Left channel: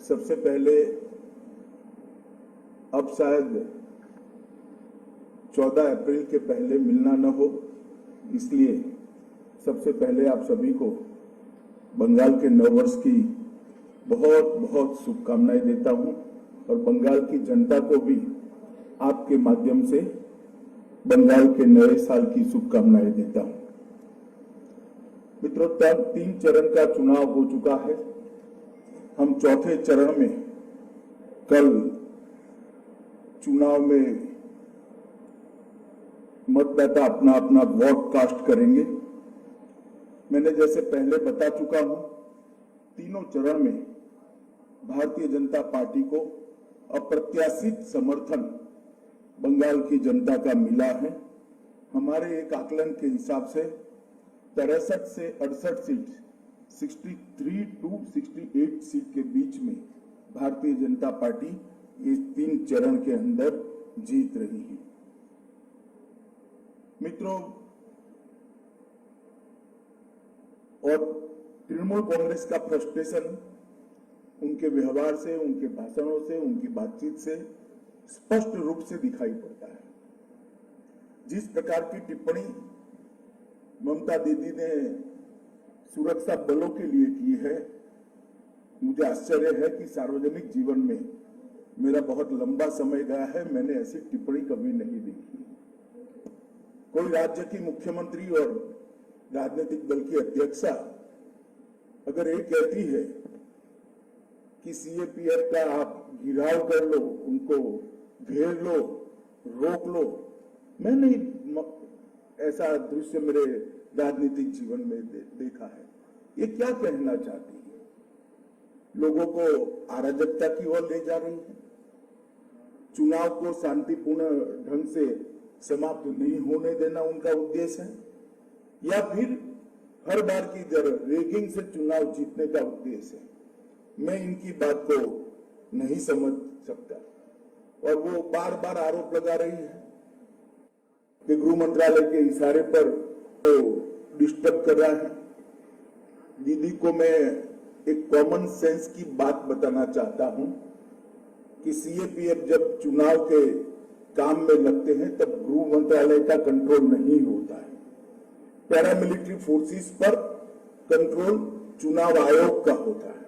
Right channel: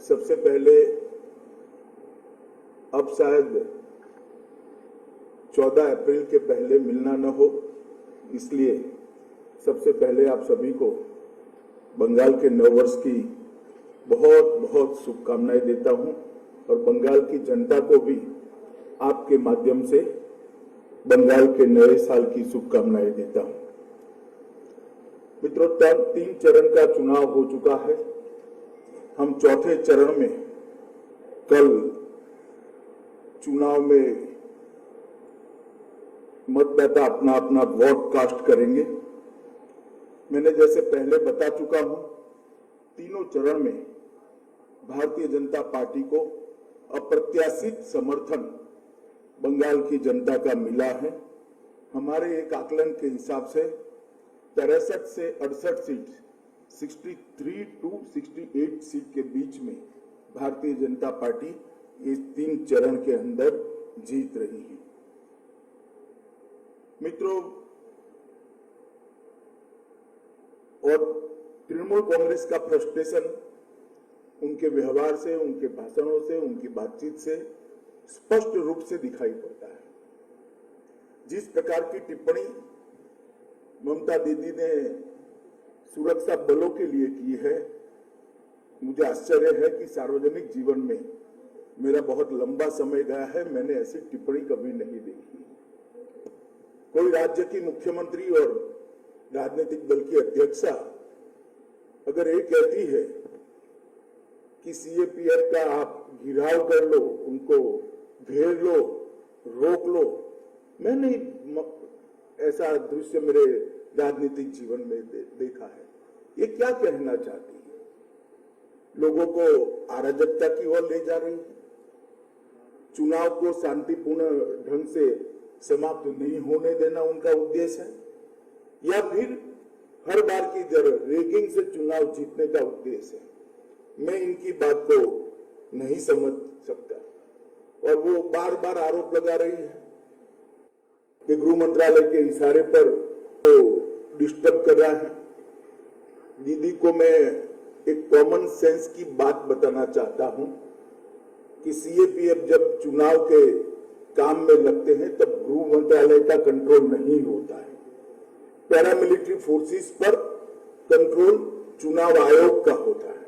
सबसे पहले अब शायद 14 अप्रैल के पहले मिलना न हो, इसलिए सबसे पहले आप सभी को बंगाल के नववर्ष की बहुत बहुत शुभकामनाएं देता हूं और बंगाल की जनता को भी आपके माध्यम से बंगाल के नए साल की शुभकामनाएं देता हूं। मित्रों, 3 चरण का चुनाव हो चुका है। हम चौथे चरण में कल चुनाव में मतदाता अपना अपना वोट कास्ट करेंगे। मैंने जैसे पहले बता चुका हूं, तीनों चरण में भारतीय जनता पार्टी को अप्रत्याशित समर्थन बंगाल की जनता का मिला है। हमारे एक आकलन के हिसाब से 63 से 68 सीट, 63 to 68 सीट के बीच में भारतीय जनता पार्टी इस 3 चरण के अंदर जीत रही है। मित्रों, और तृणमूल कांग्रेस का फ्रस्ट्रेशन उनके व्यवहार से, उनके भाषणों से, उनकी बातचीत से स्पष्ट रूप से दिखाई पड़ता है। जिस प्रकार की टिप्पणी ममता दीदी ने सुरक्षा बलों के लिए की है, मुझे आश्चर्य है कि सार्वजनिक जीवन में मेरा बहुत लंबा समय गया है, मैंने ऐसी टिप्पणी कभी नहीं देखी। कोई राज्य की मुख्यमंत्री और राजनीतिक दल की अध्यक्षा अगर ये कहती है कि सीएपीएफ का आप घिराव कर लो, उनको घेर लो, रोक लो, मैं नहीं ऐसा दृश्य मेरे राजनीतिक जीवन में देखा है। ये क्या कहना चाहती है? लोगों को अराजकता की ओर ले जा रही है, चुनाव को शांतिपूर्ण ढंग से समाप्त नहीं होने देना उनका उद्देश्य है, या फिर हर बार की तरह रेगिंग से चुनाव जीतने का उद्देश्य है? मैं इनकी बात को नहीं समझ सकता। और वो बार बार आरोप लगा रही है कि गृह मंत्रालय के इशारे पर तो डिस्टर्ब कर रहा है। दीदी को मैं एक कॉमन सेंस की बात बताना चाहता हूं कि सीएपीएफ जब चुनाव के काम में लगते हैं तब गृह मंत्रालय का कंट्रोल नहीं होता है। पैरामिलिट्री फोर्सेस पर कंट्रोल चुनाव आयोग का होता है।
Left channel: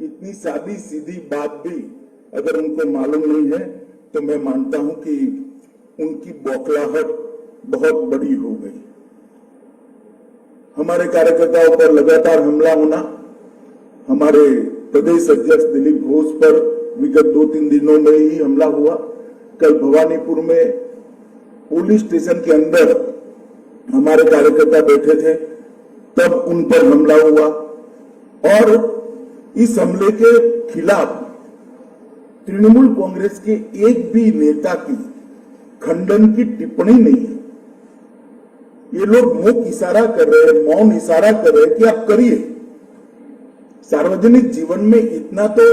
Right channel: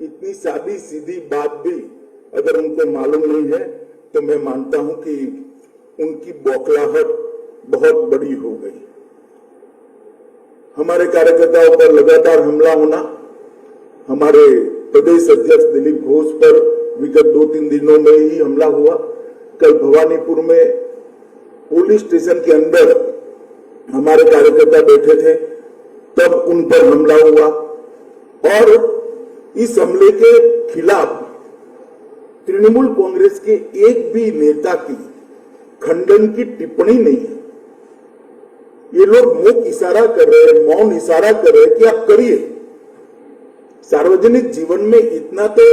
इतनी सादी सीधी बात भी अगर उनको मालूम नहीं है तो मैं मानता हूं कि उनकी बौखलाहट बहुत बड़ी हो गई। हमारे कार्यकर्ताओं पर लगातार हमला होना, हमारे प्रदेश अध्यक्ष दिलीप घोष पर विगत 2-3 दिनों में ही हमला हुआ। कल भवानीपुर में पुलिस स्टेशन के अंदर हमारे कार्यकर्ता बैठे थे, तब उन पर हमला हुआ। और इस हमले के खिलाफ तृणमूल कांग्रेस के एक भी नेता की खंडन की टिप्पणी नहीं है। ये लोग मुख इशारा कर रहे हैं, मौन इशारा कर रहे हैं कि आप करिए। सार्वजनिक जीवन में इतना तो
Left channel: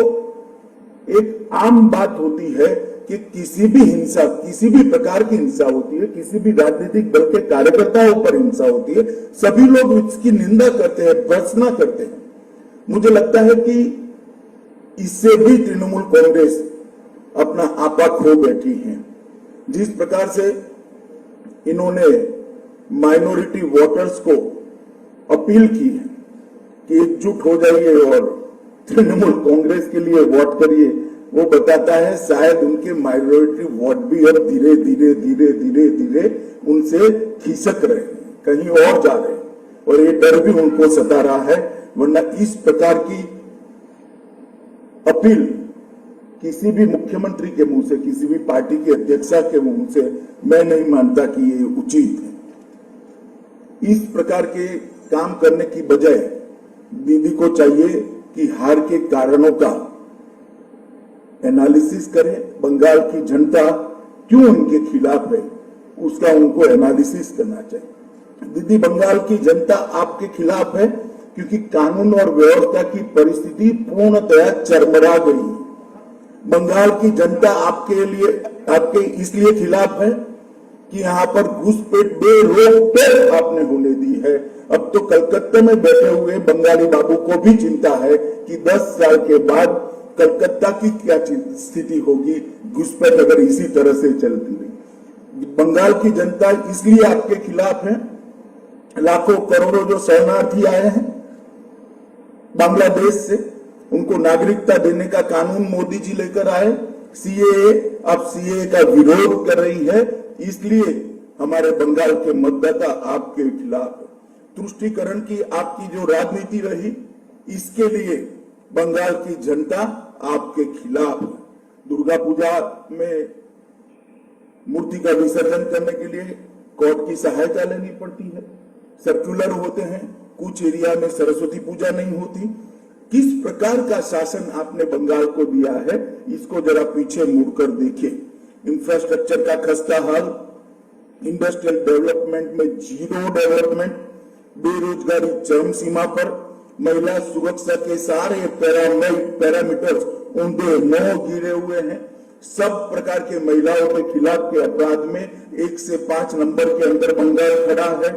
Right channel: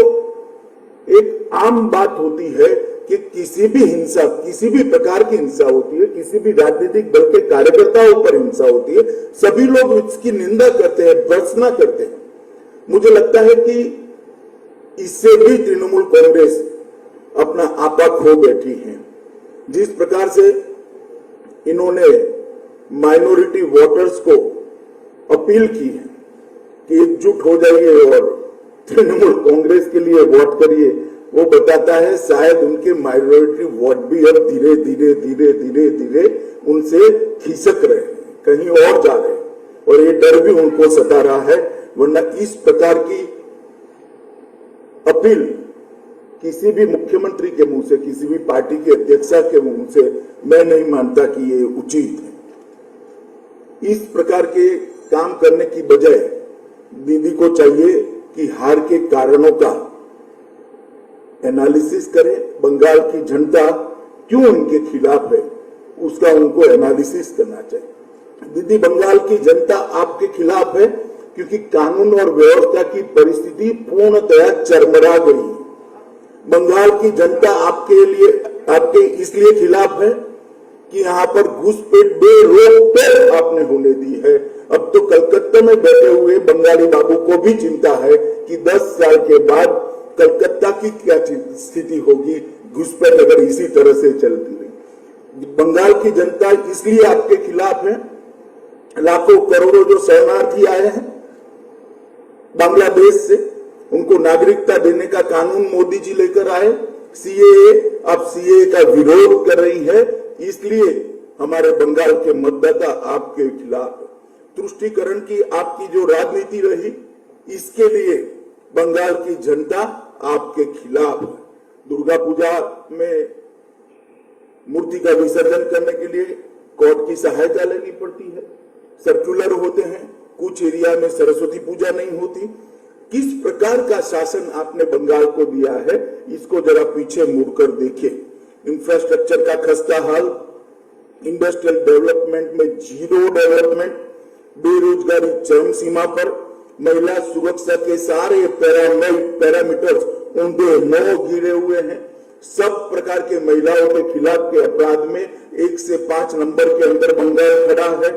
एक आम बात होती है कि किसी भी हिंसा, किसी भी प्रकार की हिंसा होती है, किसी भी राजनीतिक दल के कार्यकर्ताओं पर हिंसा होती है, सभी लोग इसकी निंदा करते हैं, भर्त्सना करते हैं। मुझे लगता है कि इससे भी तृणमूल कांग्रेस अपना आपा खो बैठी है। जिस प्रकार से इन्होंने माइनॉरिटी वोटर्स को अपील की है कि एकजुट हो जाइए और तृणमूल कांग्रेस के लिए वोट करिए, वो बताता है शायद उनके माइनॉरिटी वोट भी अब धीरे धीरे धीरे धीरे धीरे उनसे खिसक रहे हैं, कहीं और जा रहे हैं, और ये डर भी उनको सता रहा है। वरना इस प्रकार की अपील किसी भी मुख्यमंत्री के मुंह से, किसी भी पार्टी के अध्यक्षा के मुंह से मैं नहीं मानता कि ये उचित है। इस प्रकार के काम करने की बजाय दीदी को चाहिए कि हार के कारणों का एनालिसिस करें। बंगाल की जनता क्यों उनके खिलाफ है, उसका उनको एनालिसिस करना चाहिए। दीदी, बंगाल की जनता आपके खिलाफ है क्योंकि कानून और व्यवस्था की परिस्थिति पूर्णतया चरमरा गई है। बंगाल की जनता आपके इसलिए खिलाफ है कि यहाँ पर घुसपैठ बेरोक आपने होने दी है। अब तो कलकत्ता में बैठे हुए बंगाली बाबू को भी चिंता है कि 10 साल के बाद कलकत्ता की क्या स्थिति होगी घुसपैठ अगर इसी तरह से चलती रही। बंगाल की जनता इसलिए आपके खिलाफ है। लाखों करोड़ों जो शरणार्थी आए हैं बांग्लादेश से, उनको नागरिकता देने का कानून मोदी जी लेकर आए। सीएए, अब सीएए का विरोध कर रही है, इसलिए हमारे बंगाल के मतदाता आपके खिलाफ है। तुष्टीकरण की आपकी जो राजनीति रही, इसके लिए बंगाल की जनता आपके खिलाफ है। दुर्गा पूजा में मूर्ति का विसर्जन करने के लिए कोर्ट की सहायता लेनी पड़ती है, सर्कुलर होते हैं, कुछ एरिया में सरस्वती पूजा नहीं होती। किस प्रकार का शासन आपने बंगाल को दिया है, इसको जरा पीछे मुड़कर देखिए। इंफ्रास्ट्रक्चर का खस्ता हाल, इंडस्ट्रियल डेवलपमेंट में जीरो डेवलपमेंट, बेरोजगारी चरम सीमा पर, महिला सुरक्षा के सारे पैरामीटर्स ऊंधे नौ गिरे हुए हैं। सब प्रकार के महिलाओं के खिलाफ के अपराध में 1 से 5 नंबर के अंदर बंगाल खड़ा है।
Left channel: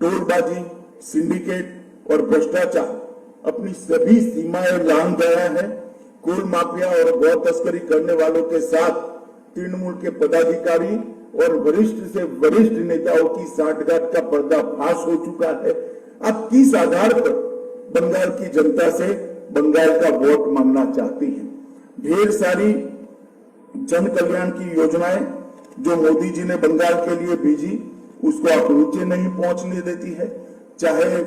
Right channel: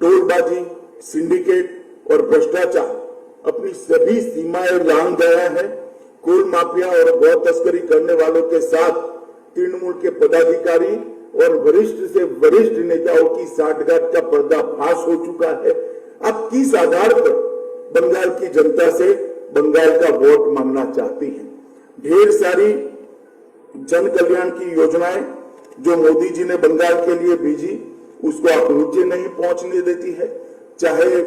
टोलबाजी, सिंडिकेट और भ्रष्टाचार अपनी सभी सीमाएं लांघ गया है। कोल माफिया और गौ तस्करी करने वालों के साथ तृणमूल के पदाधिकारी और वरिष्ठ से वरिष्ठ नेताओं की साठगांठ का पर्दाफाश हो चुका है। आप किस आधार पर बंगाल की जनता से बंगाल का वोट मांगना चाहती हैं? ढेर सारी जन कल्याण की योजनाएं जो मोदी जी ने बंगाल के लिए भेजी, उसको आप नीचे नहीं पहुंचने देती है। चाहे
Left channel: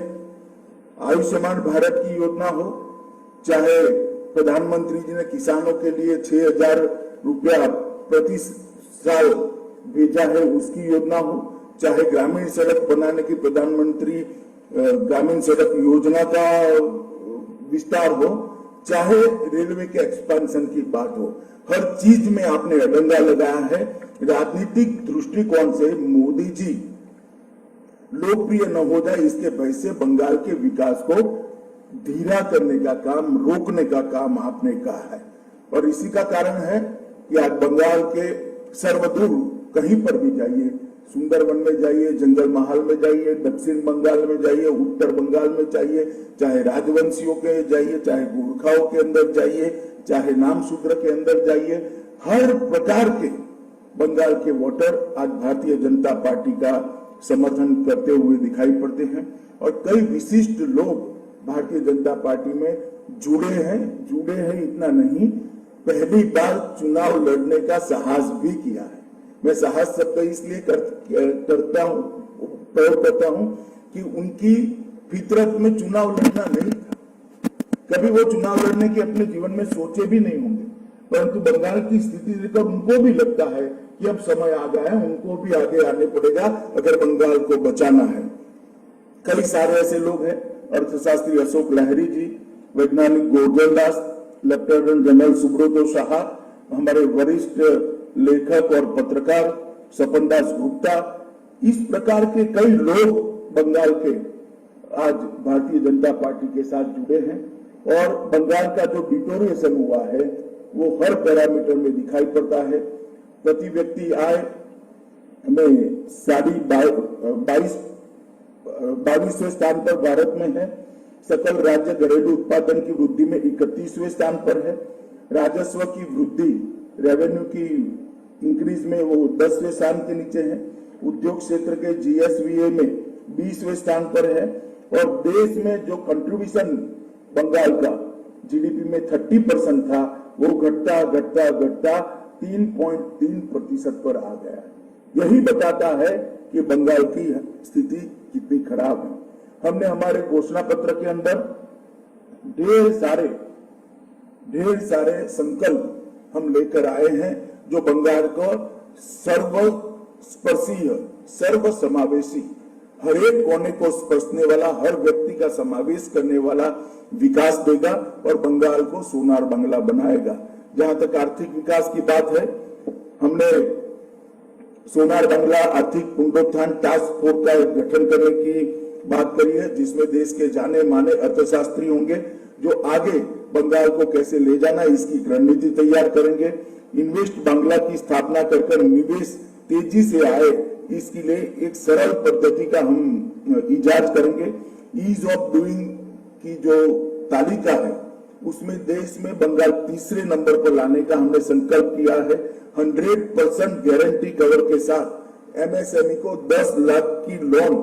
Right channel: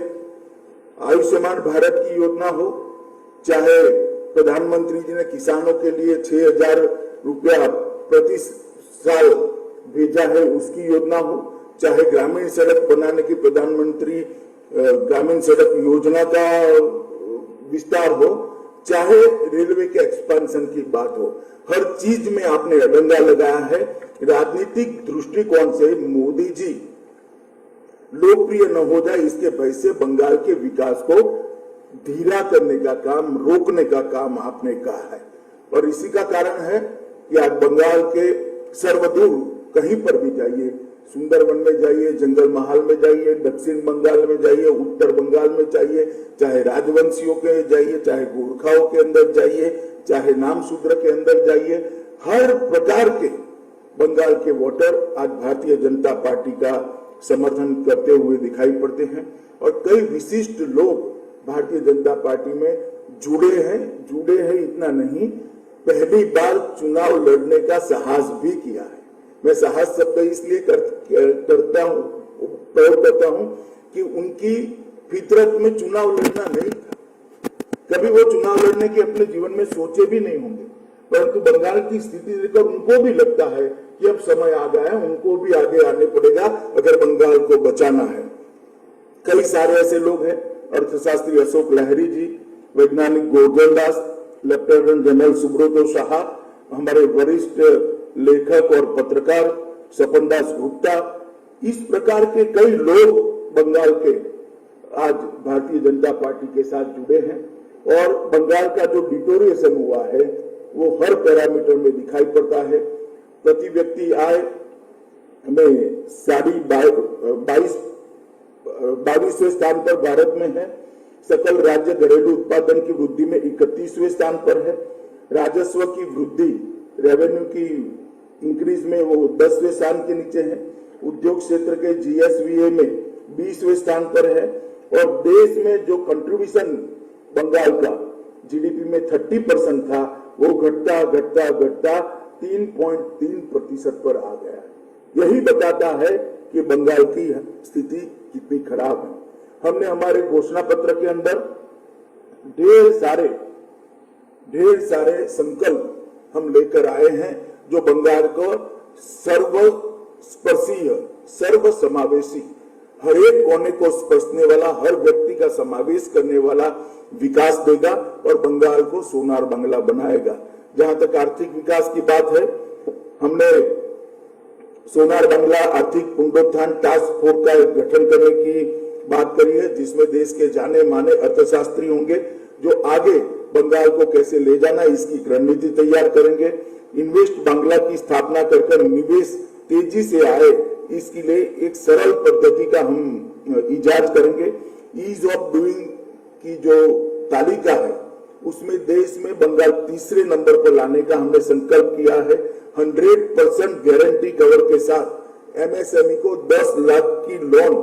आयुष्मान भारत की योजना हो, चाहे प्रधानमंत्री जी ने किसानों के लिए 6,000 रुपया प्रति साल भेजा है उसकी योजना हो, चाहे ग्रामीण सड़क बनाने की प्रधानमंत्री ग्रामीण सड़क योजना का विस्तार हो, चाहे रेलवे के एक्सपेंशन की बात हो, हर चीज में आपने अडंगा लगाया है। राजनीतिक दृष्टिकोण से मोदी जी लोकप्रिय न हो जाए इसके भय से बंगाल के विकास को धीरा करने का काम, रोकने का काम आपने कहा है। और इसी का कारण है कि आज बंगाल के सर्वदूर कहीं पर भी जाइए, सुंदरवन में जाइए, जंगल महल में जाइए, दक्षिण बंगाल में जाइए, उत्तर बंगाल में जाइए, चाहे राजवंशियों के जाइए, चाहे गोरखाओं के अंदर जाइए, चाहे नाम शूद्र के अंदर जाइए, हर प्रकार के बंगाल के वोटर आज भारतीय जनता पार्टी का समर्थन करते हुए दिखाई पड़ते हैं। और कई विशिष्ट लोग भारतीय जनता पार्टी में जुड़े हैं। इतना नहीं, पहली बार चुनाव लड़ने का साहस भी किया है। मैं साहस शब्द इसलिए प्रयोग करता हूं कि उनकी फितरत में चुनाव लड़ना नहीं था। कभी वो चुनाव लड़ने के अपने जीवन में सोचे भी नहीं होंगे, परंतु बंगाल की स्थिति देखकर उनको भी लगता है कि अब समय आ गया है, उनको भी आगे आने पड़ेगा अगर बंगाल को बचाना है। कई सारे ऐसे लोग हैं, अर्थशास्त्री अशोक लहरी जी, वैज्ञानिक गोवर्धन दास, लेफ्टिनेंट जनरल सुब्रतो शाह, हमारे वरिष्ठ लेखक और पत्रकार सपन दास गुप्ता, इस प्रकार के कई लोग बंगाल के आज भारतीय जनता पार्टी के साथ जुड़े हैं। और बंगाल का जो डिटोरिएशन हुआ है वो हर पैरामीटर में दिखाई पड़ता है। प्रति व्यक्ति आय में 22वें स्थान पर भारत में है। सकल राज्य घरेलू उत्पादन की वृद्धि में 31वें स्थान पर है। राजस्व की वृद्धि, रेवेन्यू की इंक्रीज में वो 10वें स्थान के नीचे है। उद्योग क्षेत्र के जीएसवीए में 20वें स्थान पर है। और देश में जो कंट्रीब्यूशन बंगाल का जीडीपी में 30% था, वो घटता 3.3% पर आ गया। यही बताता है कि बंगाल की स्थिति कितनी खराब है। हमने हमारे घोषणा पत्र के अंदर ढेर सारे संकल्प हम लेकर आए हैं जो बंगाल को सर्वस्पर्शीय, सर्वसमावेशी, हर एक कोने को स्पर्शने वाला, हर व्यक्ति का समावेश करने वाला विकास देगा और बंगाल को सोनार बंगला बनाएगा। जहां तक आर्थिक विकास की बात है, हमने सोनार बंगला आर्थिक पुनरुत्थान टास्क फोर्स का गठन करने की बात करी है, जिसमें देश के जाने माने अर्थशास्त्री होंगे जो आगे बंगाल को कैसे ले जाना है इसकी रणनीति तैयार करेंगे। इन्वेस्ट बांग्ला की स्थापना कर निवेश तेजी से आए, इसके लिए एक सरल पद्धति का हम इजाद करेंगे। ईज ऑफ डूइंग की जो तालिका है उसमें देश में बंगाल तीसरे नंबर पर लाने का हमने संकल्प किया है। 100% गारंटी कवर के साथ एमएसएमई को 10 लाख की लोन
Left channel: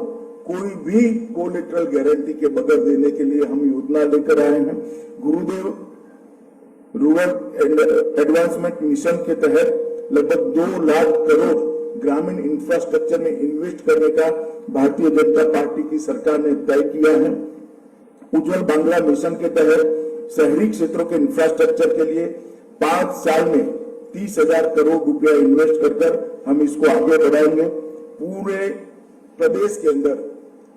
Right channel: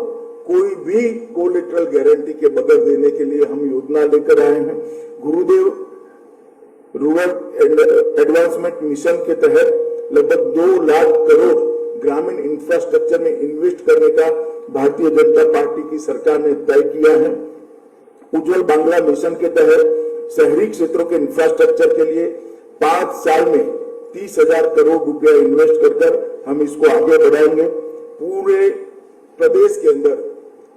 कोई भी कोलेटरल गारंटी के बगैर देने के लिए हम योजना लेकर आए हैं। गुरुदेव रूरल एडवांसमेंट मिशन के तहत लगभग 2 लाख करोड़ ग्रामीण इंफ्रास्ट्रक्चर में इन्वेस्ट करने का भारतीय जनता पार्टी की सरकार ने तय किया है। उज्जवल बांग्ला मिशन के तहत शहरी क्षेत्रों के इंफ्रास्ट्रक्चर के लिए 5 साल में 30,000 करोड़ रुपया इन्वेस्ट कर हम इसको आगे बढ़ाएंगे। पूरे प्रदेश के अंदर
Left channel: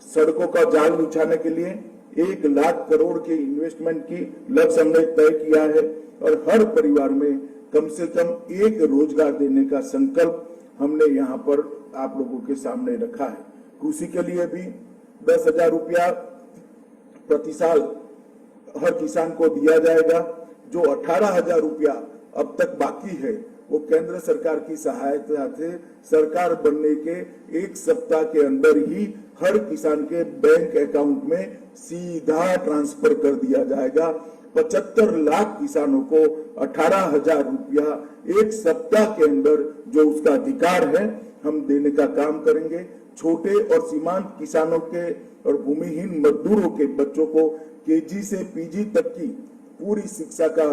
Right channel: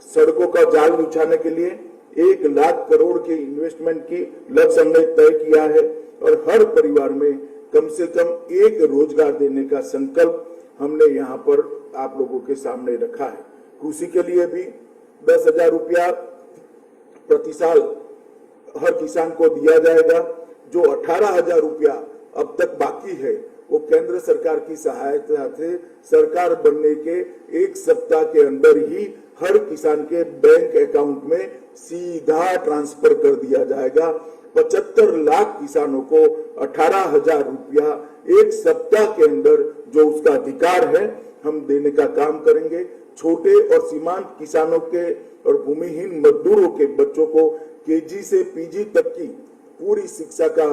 सड़कों का जाल बिछाने के लिए 1 लाख करोड़ के इन्वेस्टमेंट की लक्ष्य हमने तय किया है और हर परिवार में कम से कम एक रोजगार देने का संकल्प हमने यहाँ पर आप लोगों के सामने रखा है। कृषि के लिए भी 10,000 रुपया प्रति साल हर किसान को दिया जाएगा। जो 18,000 रुपया अब तक बाकी है वो केंद्र सरकार की सहायता से सरकार बनने के 1 सप्ताह के अंदर ही हर किसान के बैंक अकाउंट में सीधा ट्रांसफर कर दिया जाएगा। 75 लाख किसानों को 18,000 रुपया 1 सप्ताह के अंदर जो उसका अधिकार है हम देने का काम करेंगे। छोटे और सीमांत किसानों के और भूमिहीन मजदूरों के बच्चों को केजी से पीजी तक की पूरी शिक्षा का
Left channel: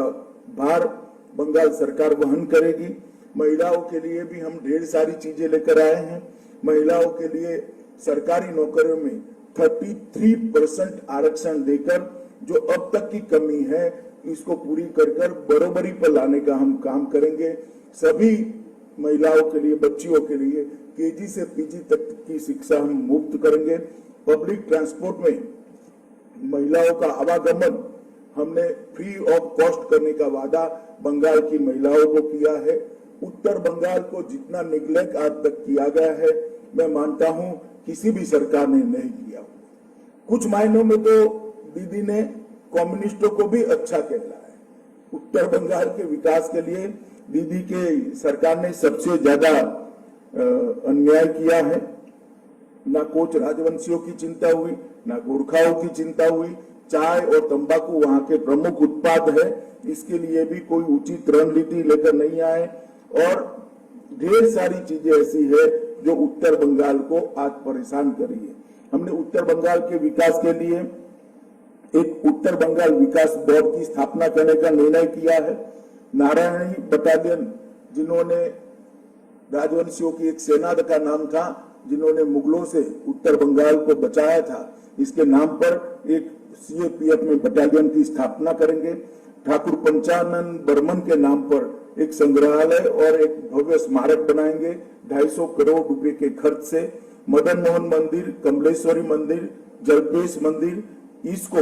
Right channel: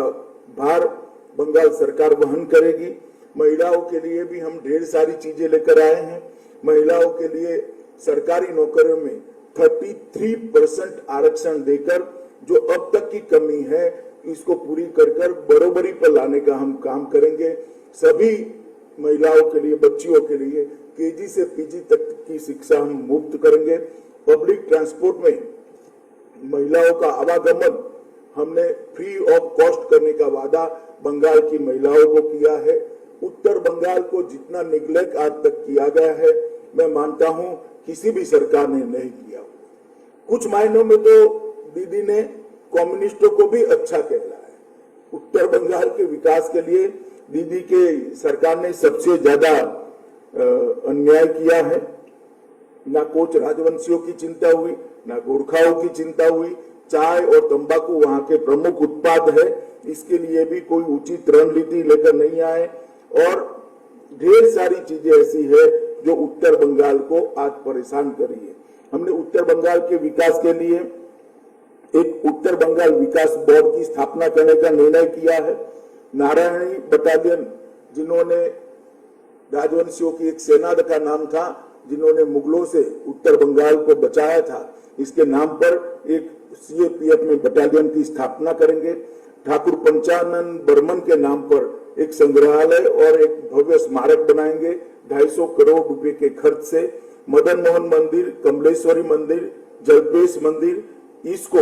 भार बंगाल सरकार वहन करेगी। महिलाओं के लिए भी हम ढेर सारी चीजें लेकर आए हैं। महिलाओं के लिए सरकारी नौकरियों में 33% आरक्षण देकर जो अब तक की कमी है इसको पूरी कर बराबरी पर लाने का हम काम करेंगे। सभी महिलाओं के लिए, बच्चियों के लिए केजी से पीजी तक की शिक्षा हम मुफ्त करेंगे। पब्लिक ट्रांसपोर्ट में महिलाओं का आवागमन हमने फ्री ऑफ कॉस्ट करने का वादा बंगाल की महिलाओं को किया है। उत्तर बंगाल को जितना निग्लेक्ट आज तक किया गया है मैं मानता हूं किसी भी सरकार ने नहीं किया। कुछ मायनों में तो दीदी ने कम्युनिस्टों को भी अच्छा कहला है। उत्तर बंगाल के विकास के लिए दीदी के सरकार ने सबसे ज्यादा अन्याय किया है। ना कोच राजवंशियों की चिंता हुई, ना गोरखाओं की चिंता हुई। चाय और तंबाकू वहां के प्रमुख उत्पाद है, इसके लिए भी कोई उचित रणनीति लेकर नहीं आए और ढेर सारी चीजें ऐसी है जो उत्तर बंगाल को आज परेशान करी है। हमने उत्तर बंगाल के विकास के लिए एक उत्तर बंगाल विकास बोर्ड की स्थापना करने का निर्णय किया है। नारायणी बटालियन, जिन्होंने राजवंशियों की एक सेना का नाम था, जिन्होंने मुगलों से उत्तर बंगाल को बचाया था, इसके नाम पर एक सीएपीएफ में बटालियन की स्थापना करेंगे। ठाकुर पंचानन बर्मन के नाम पर एक संग्रहालय और एक भव्य स्मारक बनाएंगे 250 करोड़ रुपए के खर्च से। मदन मोहन मंदिर, कमलेश्वरी मंदिर, जलपेश मंदिर, इसको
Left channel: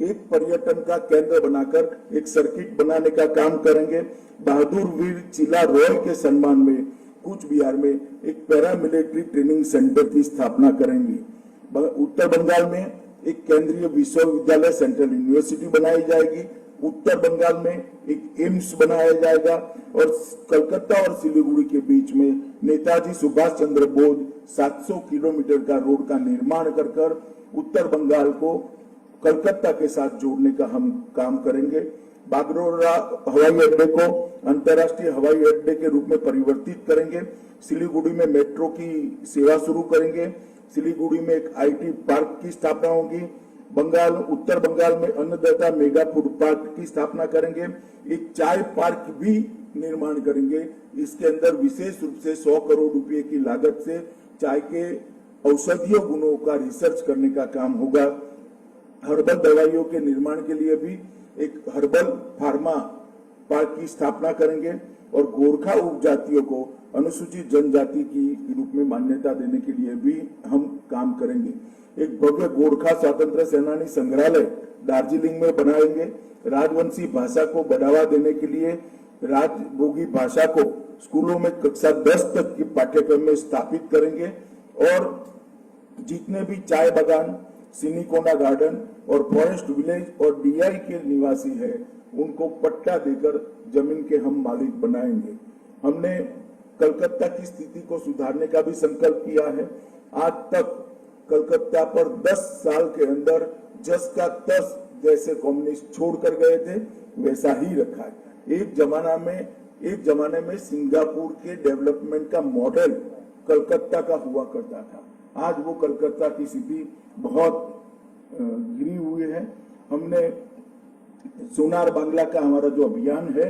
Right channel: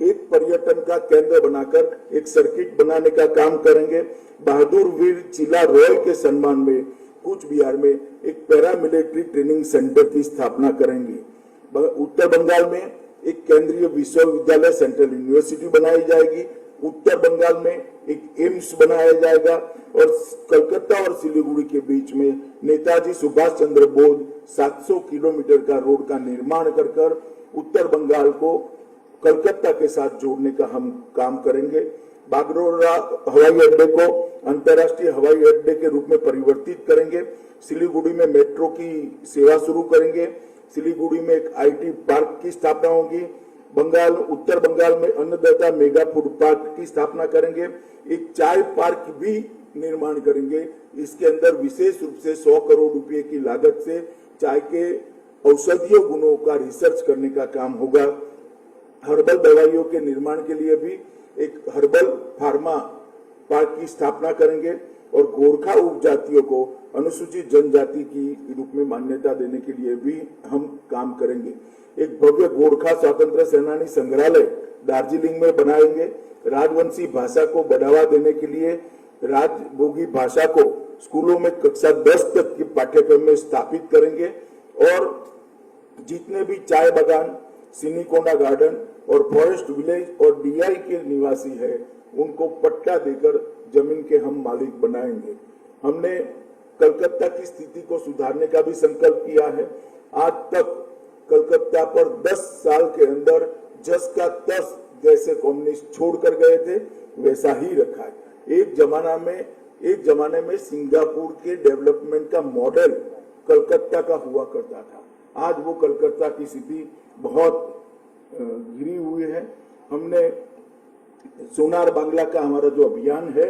एक पर्यटन का केंद्र बनाकर एक सर्किट बनाने का काम करेंगे। बहादुर वीर चिला रॉय के सम्मान में कूच बिहार में एक पैरामिलिट्री ट्रेनिंग सेंटर की स्थापना करेंगे। उत्तर बंगाल में एक केंद्रीय विश्वविद्यालय, सेंट्रल यूनिवर्सिटी बनाई जाएगी। उत्तर बंगाल में एक एम्स बनाया जाएगा और कलकत्ता और सिलीगुड़ी के बीच में नेताजी सुभाष चंद्र बोस 700 किलोमीटर का रोड का निर्माण कर उत्तर बंगाल को कलकत्ता के साथ जोड़ने का हम काम करेंगे। बागडोगरा हवाई अड्डे को अंतर्राष्ट्रीय हवाई अड्डे के रूप में परिवर्तित करेंगे। सिलीगुड़ी में मेट्रो की सेवा शुरू करेंगे। सिलीगुड़ी में एक आईटी पार्क की स्थापना होगी। उत्तर बंगाल में अन्नदाता मेगा फूड पार्क की स्थापना करेंगे। एक चाय पार्क भी निर्माण करेंगे। इसके अंदर विशेष रूप से 100 करोड़ रुपए की लागत से चाय के औषधीय गुणों का रिसर्च करने का काम होगा। हर्बल दवाइयों के निर्माण के लिए भी एक हर्बल फार्मा पार्क की स्थापना करेंगे और गोरखा उपजातियों को अनुसूचित जनजाति की रूप में मान्यता देने के लिए भी हम काम करेंगे। एक भव्य गोरखा स्वतंत्र सेनानी संग्रहालय दार्जिलिंग में बनाएंगे। राजवंशी भाषा को बढ़ावा देने के लिए राजभोगी भाषा को स्कूलों में कक्षा 10 तक के पाठ्यक्रम में स्थापित करेंगे और जितने भी चाय बागान, सिनिकोना गार्डन और फॉरेस्ट विलेज और डीआई के निवासी है उनको पट्टा देकर जमीन के हम मालिक बनाएंगे। हमने कलकत्ता की स्थिति को सुधारने का भी संकल्प किया है। आज तक कलकत्ता पर 10 साल के अंदर 10 का 10 जैसे कम्युनिस्ट छोड़कर गए थे वैसा ही रखा है। एक जमाने में सिंगापुर के डेवलपमेंट का मॉडल कलकत्ता का हुआ करता था। आज वो कलकत्ता की स्थिति बहुत गिरी हुई है। हमने सोनार बांग्ला का हमारा जो अभियान है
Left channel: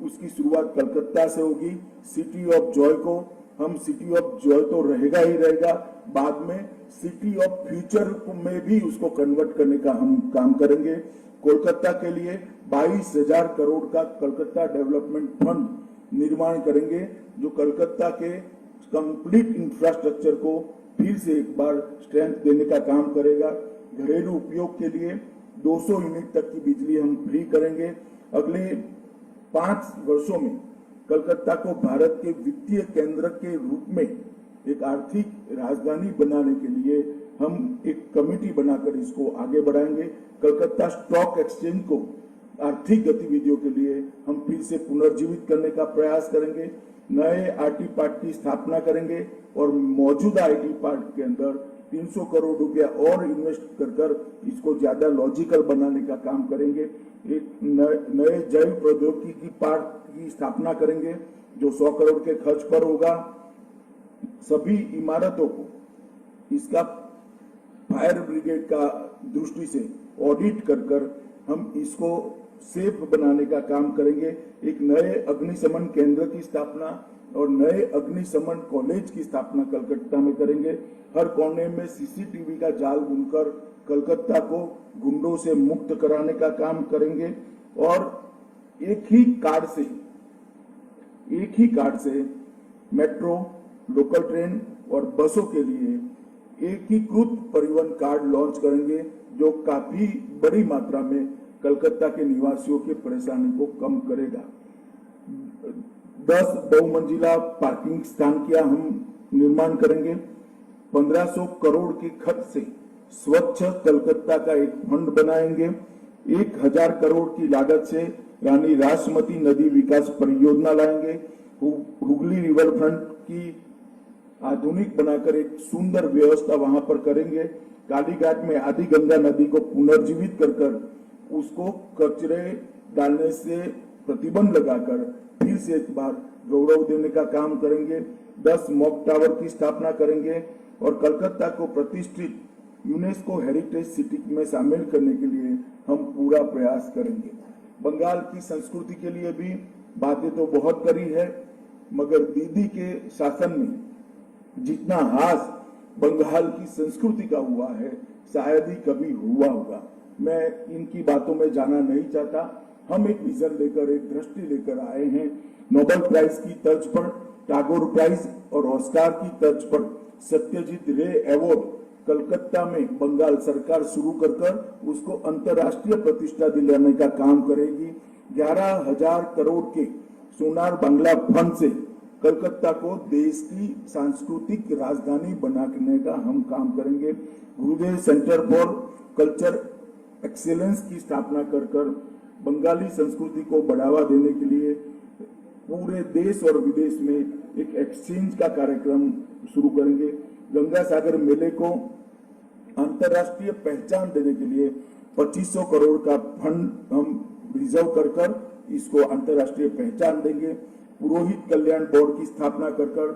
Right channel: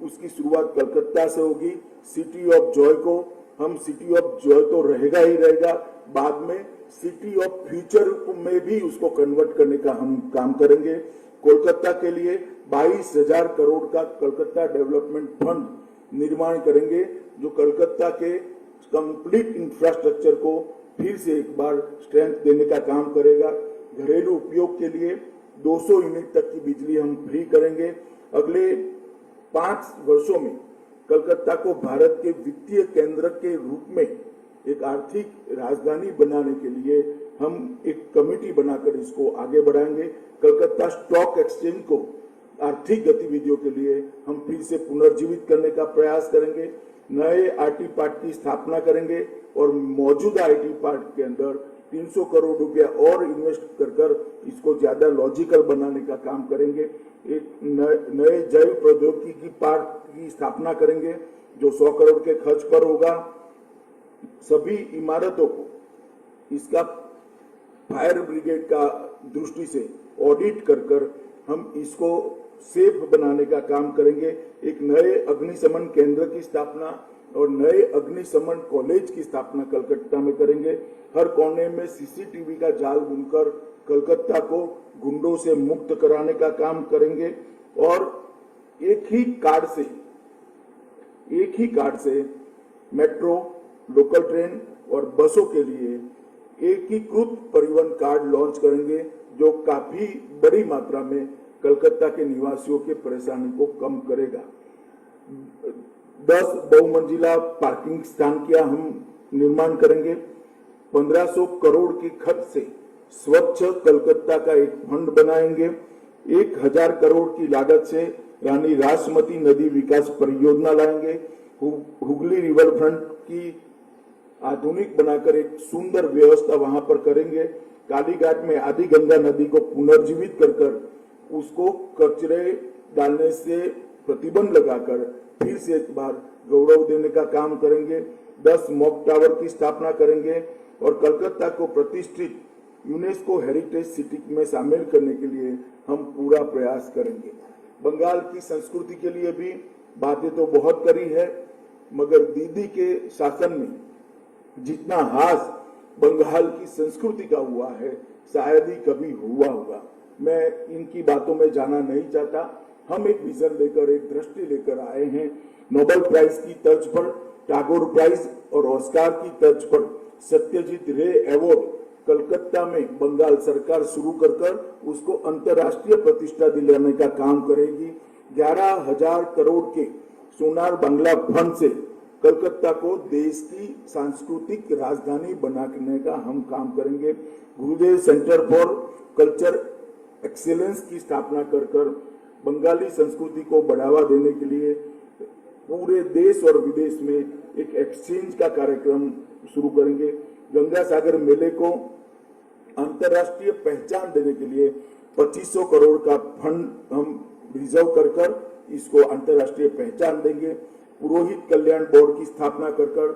उसकी शुरुआत कलकत्ता से होगी। सिटी ऑफ जॉय को हम सिटी ऑफ जॉय तो रहेगा ही रहेगा, बाद में सिटी ऑफ फ्यूचर में भी उसको कन्वर्ट करने का हम काम करेंगे। कोलकाता के लिए 22,000 करोड़ का कलकत्ता डेवलपमेंट फंड निर्माण करेंगे, जो कलकत्ता के कंप्लीट इंफ्रास्ट्रक्चर को फिर से एक बार स्ट्रेंथ देने का काम करेगा। घरेलू उपयोग के लिए 200 यूनिट तक की बिजली हम फ्री करेंगे। अगले 5 वर्षों में कलकत्ता को भारत के वित्तीय केंद्र के रूप में एक आर्थिक राजधानी बनाने के लिए हम एक कमेटी बनाकर इसको आगे बढ़ाएंगे। कलकत्ता स्टॉक एक्सचेंज को आर्थिक गतिविधियों के लिए हम फिर से पुनर्जीवित करने का प्रयास करेंगे। नए आईटी पार्क की स्थापना करेंगे और मौजूदा आईटी पार्क के अंदर 300 करोड़ रुपया और इन्वेस्ट कर इसको ज्यादा लॉजिकल बनाने का काम करेंगे। एक नए जैव प्रौद्योगिकी पार्क की स्थापना करेंगे जो 100 करोड़ के खर्च पर होगा। सभी इमारतों को इसका फायर ब्रिगेड का दृष्टि से ऑडिट कर हम इसको सेफ बनाने का काम करेंगे। एक नए अग्निशमन केंद्र की स्थापना और नए अग्निशमन कॉलेज की स्थापना कलकत्ता में करेंगे। हर कोने में सीसीटीवी का जाल बुनकर कलकत्ता को गुंडों से मुक्त कराने का काम करेंगे और एक ही कार्ड से मेट्रो, लोकल ट्रेन और बसों के लिए एकीकृत परिवहन कार्ड लॉन्च करेंगे, जो काफी बड़ी मात्रा में कलकत्ता के निवासियों की परेशानी को कम करेगा। 10 बहुमंजिला पार्किंग स्थान का हम निर्माण करेंगे। 1500 करोड़ की खर्च से स्वच्छ कलकत्ता का एक फंड बनाएंगे। 1000 करोड़ की लागत से रानी रासमती नदी विकास परियोजना लाएंगे। हुगली रिवर फ्रंट की आधुनिक बनाकर एक सुंदर व्यवस्था वहां पर करेंगे। कालीघाट में आदि गंगा नदी को पुनर्जीवित कर उसको कचरे डालने से प्रतिबंध लगाकर फिर से एक बार गौरव देने का काम करेंगे। 10 मॉक टावर की स्थापना करेंगे और कलकत्ता को प्रतिष्ठित यूनेस्को हेरिटेज सिटी में शामिल करने के लिए हम पूरा प्रयास करेंगे। बंगाल की संस्कृति के लिए भी बातें तो बहुत करी है, मगर दीदी के शासन में जितना हास बंगाल की संस्कृति का हुआ है शायद ही कभी हुआ होगा। मैं इनकी बातों में जाना नहीं चाहता। हम एक विजन लेकर, एक दृष्टि लेकर आए हैं। नोबेल प्राइज की तर्ज पर, टैगोर प्राइज और ऑस्कार की तर्ज पर सत्यजीत रे अवार्ड कलकत्ता में बंगाल सरकार शुरू कर उसको अंतर्राष्ट्रीय प्रतिष्ठा दिलाने का काम करेगी। 11,000 करोड़ के सोनार बांग्ला फंड से कलकत्ता को देश की सांस्कृतिक राजधानी बनाने का हम काम करेंगे। गुरुदेव सेंटर फॉर कल्चर एक्सीलेंस की स्थापना कर बंगाली संस्कृति को बढ़ावा देने के लिए पूरे देश और विदेश में एक एक्सचेंज का कार्यक्रम शुरू करेंगे। गंगा सागर मेले को अंतर्राष्ट्रीय पहचान देने के लिए 2500 करोड़ का फंड हम रिजर्व कर इसको अंतर्राष्ट्रीय पहचान देंगे। पुरोहित कल्याण बोर्ड की स्थापना कर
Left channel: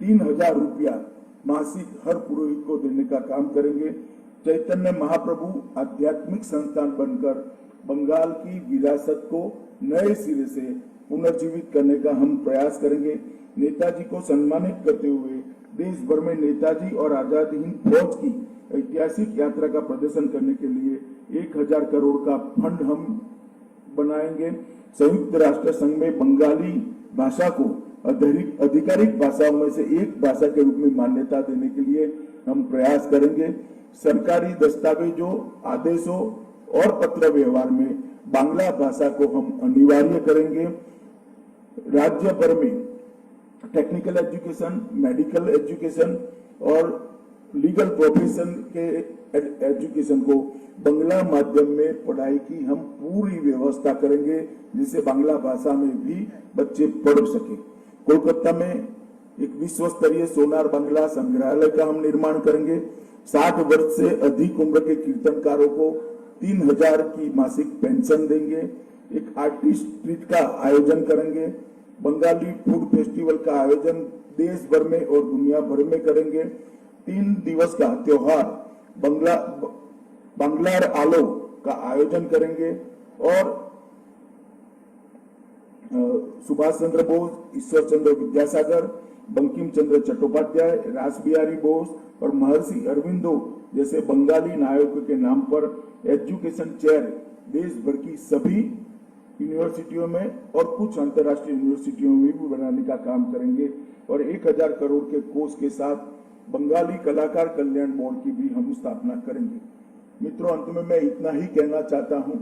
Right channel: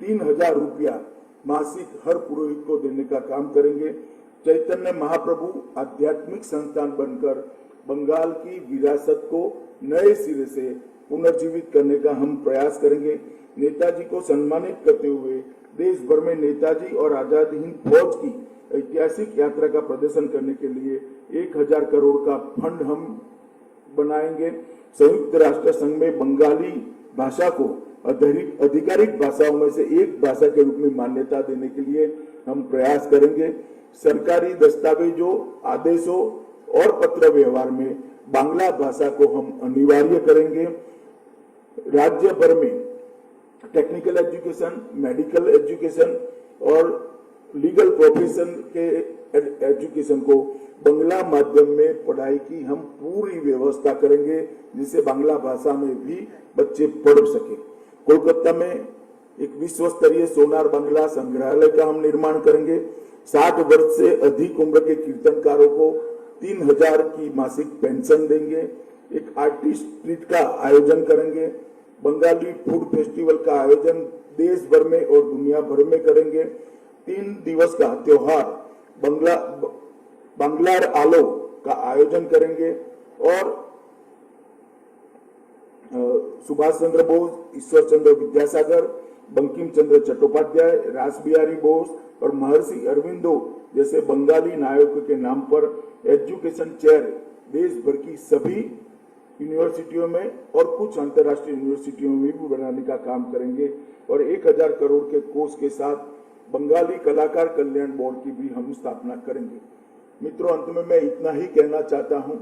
3,000 रुपया मासिक हर पुरोहित को देने का काम करेंगे। चैतन्य महाप्रभु आध्यात्मिक संस्थान बनकर बंगाल की विरासत को नए सिरे से पुनर्जीवित करने का हम प्रयास करेंगे। नेताजी को सम्मानित करते हुए देश भर में नेताजी और आजादी हिंद फौज की ऐतिहासिक यात्रा का प्रदर्शन करने के लिए 1,000 करोड़ का फंड हम बनाएंगे। संयुक्त राष्ट्र संघ में बंगाली भाषा को आधिकारिक भाषाओं में से एक भाषा के रूप में मान्यता देने के लिए हम प्रयास करेंगे। सरकारी दस्तावेजों, आदेशों और पत्र व्यवहार में बांग्ला भाषा को हम अनिवार्य करेंगे। राज्य भर में टेक्निकल एजुकेशन, मेडिकल एजुकेशन और लीगल प्रोफेशन के एजुकेशन को बांग्ला माध्यम में पढ़ाई की हम पूरी व्यवस्था करेंगे, जिससे बांग्ला भाषा में भी बच्चे पढ़ सके। कोलकाता में एक विश्व स्तरीय सोनार बांग्ला संग्रहालय का हम निर्माण करेंगे। 60 वर्ष से अधिक उम्र के कीर्तनकारों को 3000 की मासिक पेंशन देंगे, एक आर्टिस्ट ट्रीट का आयोजन करेंगे, बंगाली फूड फेस्टिवल का आयोजन देश भर में और दुनिया भर में करेंगे, 3 दिवस का त्योहार बांग्लार आलो का आयोजन करेंगे और सुभाष चंद्र बोस, ईश्वर चंद्र विद्यासागर, बंकिम चंद्र चट्टोपाध्याय, रास बिहारी बोस और महर्षि अरविंदो जैसे बंगाली नायकों के नाम पर एजुकेशन चेयर देश भर की सभी यूनिवर्सिटियों में और कुछ अंतर्राष्ट्रीय यूनिवर्सिटियों में भी बनाने का काम करेंगे और 1000 करोड़ के कोष के साथ बंगाली कलाकार कल्याण बोर्ड की भी हम स्थापना करेंगे। मित्रों, अंत में मैं इतना ही कहना चाहता हूं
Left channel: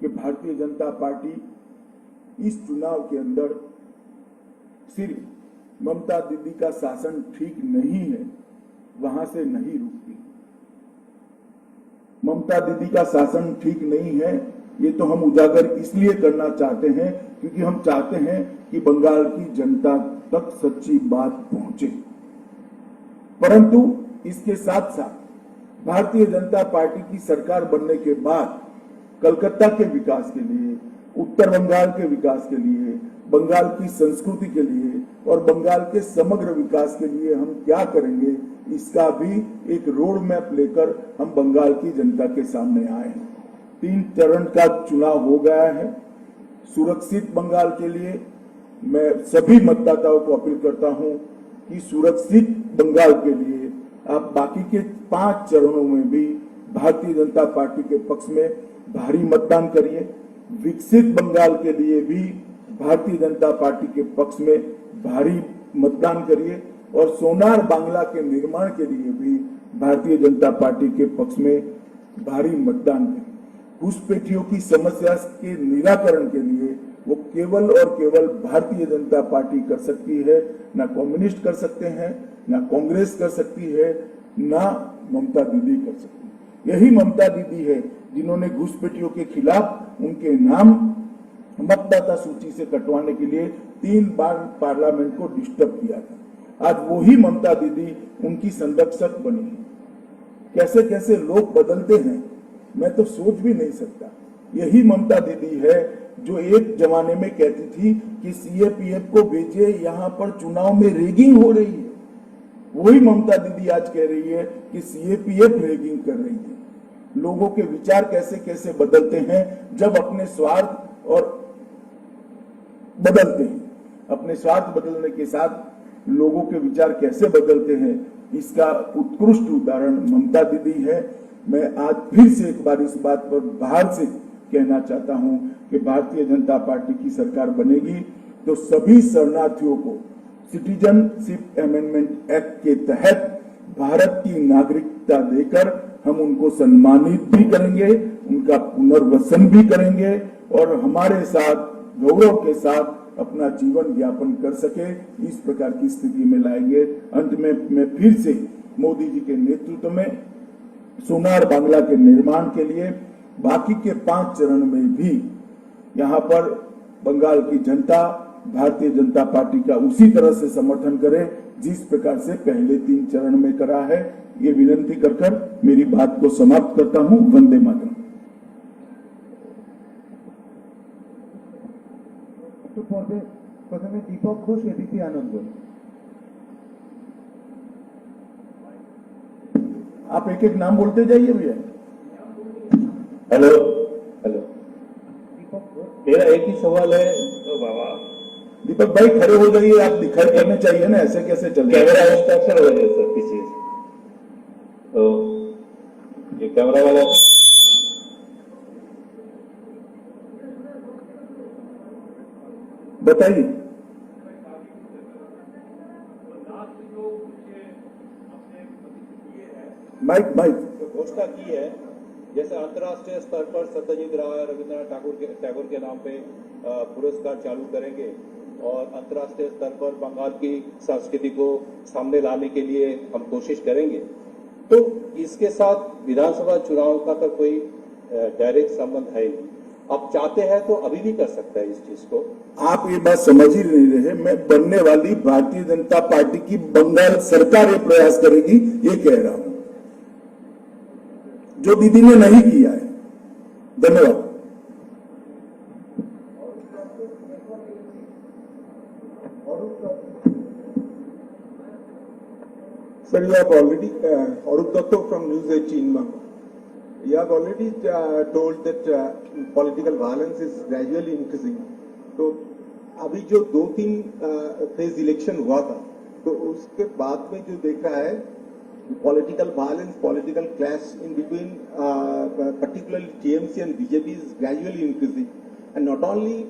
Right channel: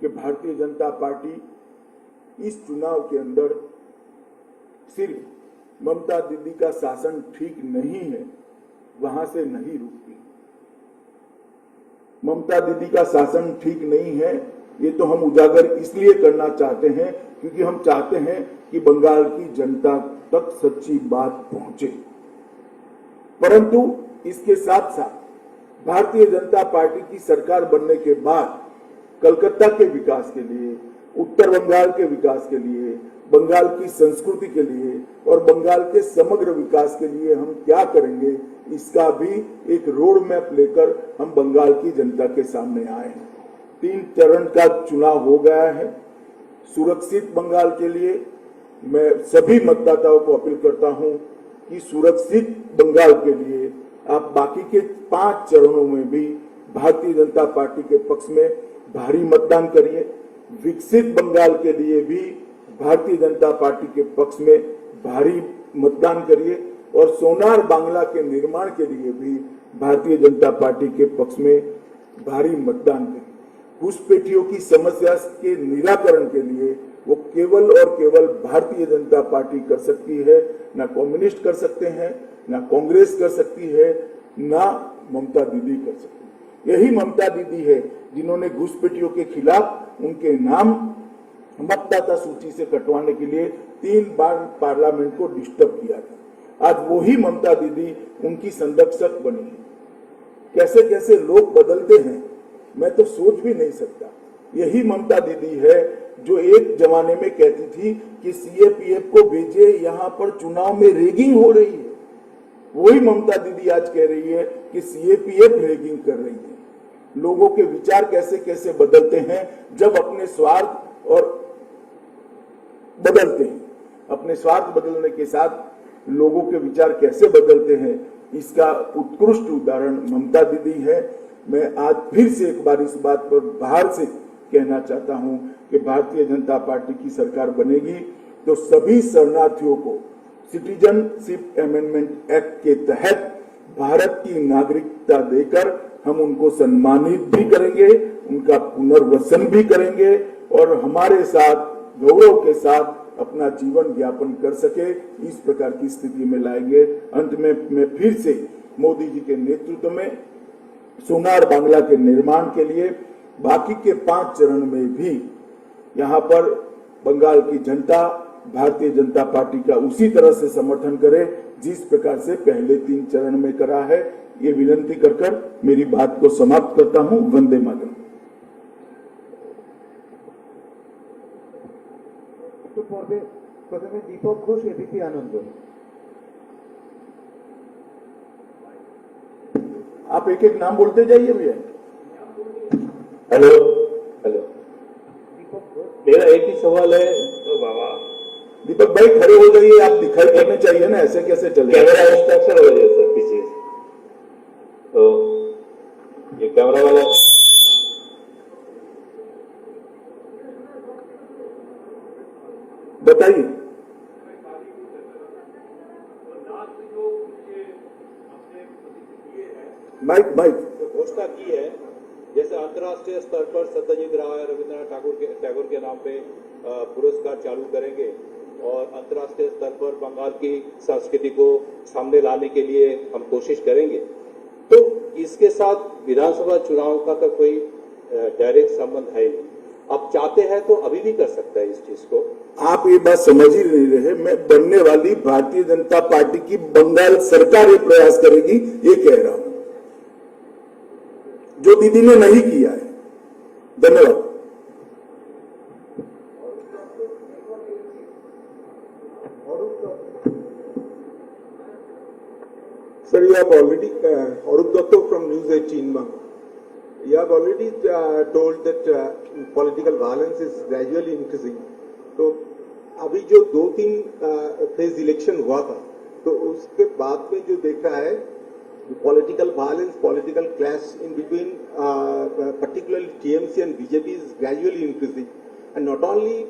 कि भारतीय जनता पार्टी इस चुनाव के अंदर सिर्फ ममता दीदी का शासन ठीक नहीं है, वहां से नहीं रुकती। ममता दीदी का शासन ठीक नहीं है, ये तो हम उजागर इसलिए करना चाहते हैं क्योंकि हम चाहते हैं कि बंगाल की जनता तक सच्ची बात पहुंचे। परंतु इसके साथ साथ भारतीय जनता पार्टी की सरकार बनने के बाद कलकत्ता के विकास के लिए, उत्तर बंगाल के विकास के लिए, बंगाल की संस्कृति के लिए और बंगाल के समग्र विकास के लिए हम क्या करेंगे, इसका भी एक रोड मैप लेकर हम बंगाल की जनता के सामने आए हैं। 3 चरण का चुनाव हो गया है। सुरक्षित बंगाल के लिए मैं सभी मतदाताओं को अपील करता हूं कि सुरक्षित बंगाल के लिए आप बाकी के 5 चरणों में भी भारतीय जनता पार्टी के पक्ष में भारी मतदान करिए। विकसित बंगाल के लिए भी भारतीय जनता पार्टी के पक्ष में भारी मतदान करिए और सोनार बांग्ला के निर्माण के लिए भी भारतीय जनता पार्टी के पक्ष में भारी मतदान करिए। घुसपैठियों की समस्या के निराकरण के लिए वो केवल और केवल भारतीय जनता पार्टी कर सकती है, ना कम्युनिस्ट कर सकते हैं, ना कांग्रेस कर सकती है, ना ममता दीदी कर सकती है। यही ममता दीदी है जिन्होंने घुसपैठियों के खिलाफ उनके नाम मतदाता सूची से कटवाने के लिए 3 बार पार्लियामेंट को डिस्टर्ब किया था। आज वही ममता दीदी उनकी संरक्षक बनी है। कैसे कैसे लोग बदलते हैं मैं तो सोच भी नहीं सकता। यही ममता दीदी है जो एक जमाने में कहती थी कि सीएपीएफ को भेजे, यहाँ पर चुनाव में रेगिंग हो रही है। वही ममता दीदी आज कह रही है कि सीएपीएफ रेगिंग कर रही है। लोगों के विचार कैसे कैसे बदलते हैं जब अपने स्वार्थ और बदलते हैं, अपने स्वार्थ बदलने के साथ लोगों के विचार कैसे बदलते हैं, इसका उत्कृष्ट उदाहरण ममता दीदी है। मैं आज फिर से एक बार इस बात पर बाहर से कहना चाहता हूं कि भारतीय जनता पार्टी की सरकार बनेगी तो सभी शरणार्थियों को सिटीजनशिप अमेंडमेंट एक्ट के तहत भारत की नागरिकता देकर हम उनको सम्मानित भी करेंगे, उनका पुनर्वसन भी करेंगे और हमारे साथ गौरव के साथ अपना जीवन यापन कर सके, इस प्रकार की स्थिति में लाएंगे। अंत में मैं फिर से मोदी जी के नेतृत्व में सोनार बांग्ला के निर्माण के लिए बाकी के 5 चरण में भी यहाँ पर बंगाल की जनता भारतीय जनता पार्टी का उसी तरह से समर्थन करे जिस प्रकार से पहले 3 चरण में करा है। ये विनती कर मेरी बात को समाप्त करता हूं। वंदे मातरम। तो পর্বে প্রথমে দীপক ঘোষ, এবিপি আনন্দ। आप एक एक नाम बोलते जाइए भैया। हेलो हेलो, दीपक घोष। मेरा एक ही सवाल है। तो बाबा दीपक भाई खड़े हो जाइए, आप दिखाई करने चाहिए ना, ऐसे कैसे चले। कैमरा इंस्ट्रक्शन हो जाए सर पीछे, तो ये कैमरा वाला बताइए। माइक घोषणा की है, जैसे अंतर्राष्ट्रीय स्तर पर सत्यजीत राय, रविंद्रनाथ टैगोर के नाम पे पुरस्कार चालू करेंगे और अंतर्राष्ट्रीय स्तर पर बंगाल की संस्कृति को सामने लाने के लिए हम कोशिश करेंगे। तो इसके साथ विधानसभा चुनाव का तो कोई डायरेक्ट संबंध है नहीं। अब चाहते हैं तो अभी भी कर सकते हैं इस चीज को। आप ये बात समझ ही नहीं रहे। मैं बनने वाली भारतीय जनता पार्टी की बंगाल सरकार ये प्रयास करेगी, ये कह रहा हूं, जो दीदी ने नहीं किया है। धन्यवाद। Sir, you have already, Arup Datta from News 18 Bangla. You have already told that political violence is gradually increasing. तो अभी जो 2-3 फेज इलेक्शन हुआ था, तो उसके बाद में जो देखा है political violence, political clash in between particularly TMC and BJP is gradually increasing. And not only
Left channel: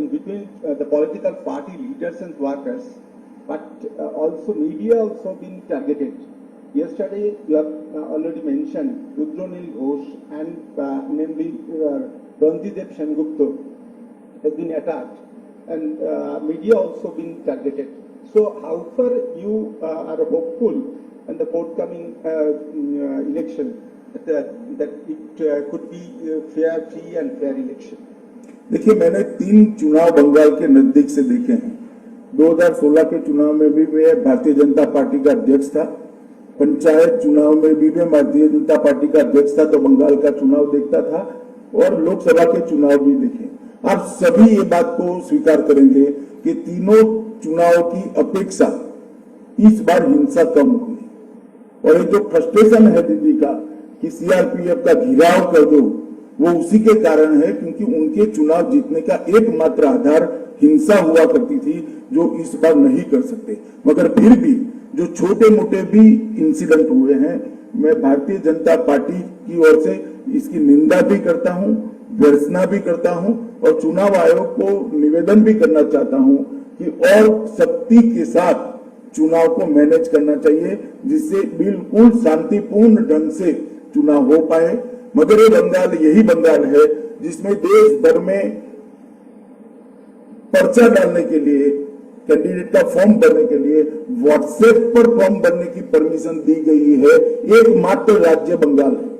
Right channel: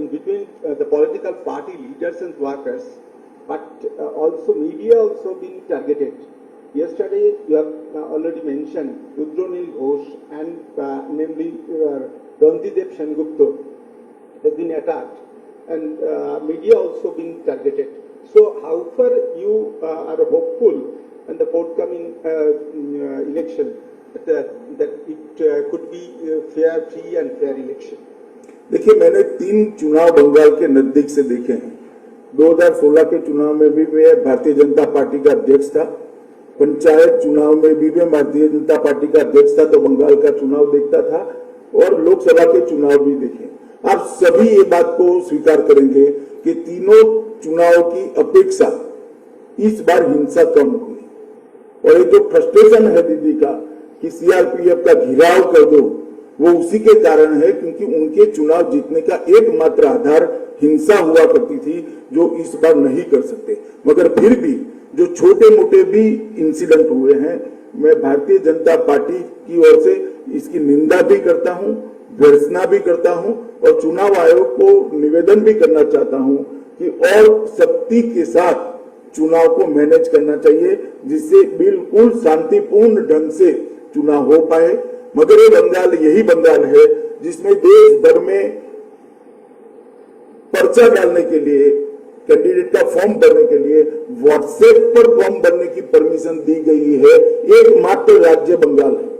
in between the political party leaders and workers, but also media also being targeted. Yesterday, you have already mentioned Rudronil Ghosh and namely Randidev Sengupta has been attacked, and media also being targeted. So, how far you are hopeful in the forthcoming election that it could be a fair, free and fair election? देखिए, मैंने 3 चुनाव बंगाल के नजदीक से देखे हैं। 2016 के चुनाव में भी मैं भारतीय जनता पार्टी का अध्यक्ष था, पंचायत चुनाव में भी मैं भारतीय जनता पार्टी का अध्यक्ष था, तो बंगाल का चुनाव देखता था, और लोकसभा के चुनाव भी देखे। आप सभी ये बात को स्वीकार करेंगे कि तीनों चुनाव की अपेक्षा इस बार हिंसा कम हुई, और ये जो फ्रस्ट्रेशन है दीदी का कि सीआरपीएफ का घेराव कर दो, वो उसी के कारण है क्योंकि उनके चुनाव जीतने का एकमात्र आधार हिंसा हुआ करती थी, जो इस बार नहीं कर सकते। मगर फिर भी जो छोटे मोटे भी इंसिडेंट हुए हैं, मैं भारतीय जनता पार्टी की ओर से इसकी निंदा भी करता हूं, भर्त्सना भी करता हूं, और चुनाव आयोग को निवेदन भी करना चाहता हूं कि और सख्ती के साथ चुनाव को मैनेज करना चाहिए, जिससे बिल्कुल शांतिपूर्ण ढंग से चुनाव हो पाए। मगर ये बंगाल यही बंगाल है जिसमें देश भर में पर्चा डालने के लिए, कैंडिडेट का फॉर्म भरने के लिए व्हाट्सएप पर फॉर्म भरने की परमिशन दी गई है। एकमात्र राज्य बंगाल है।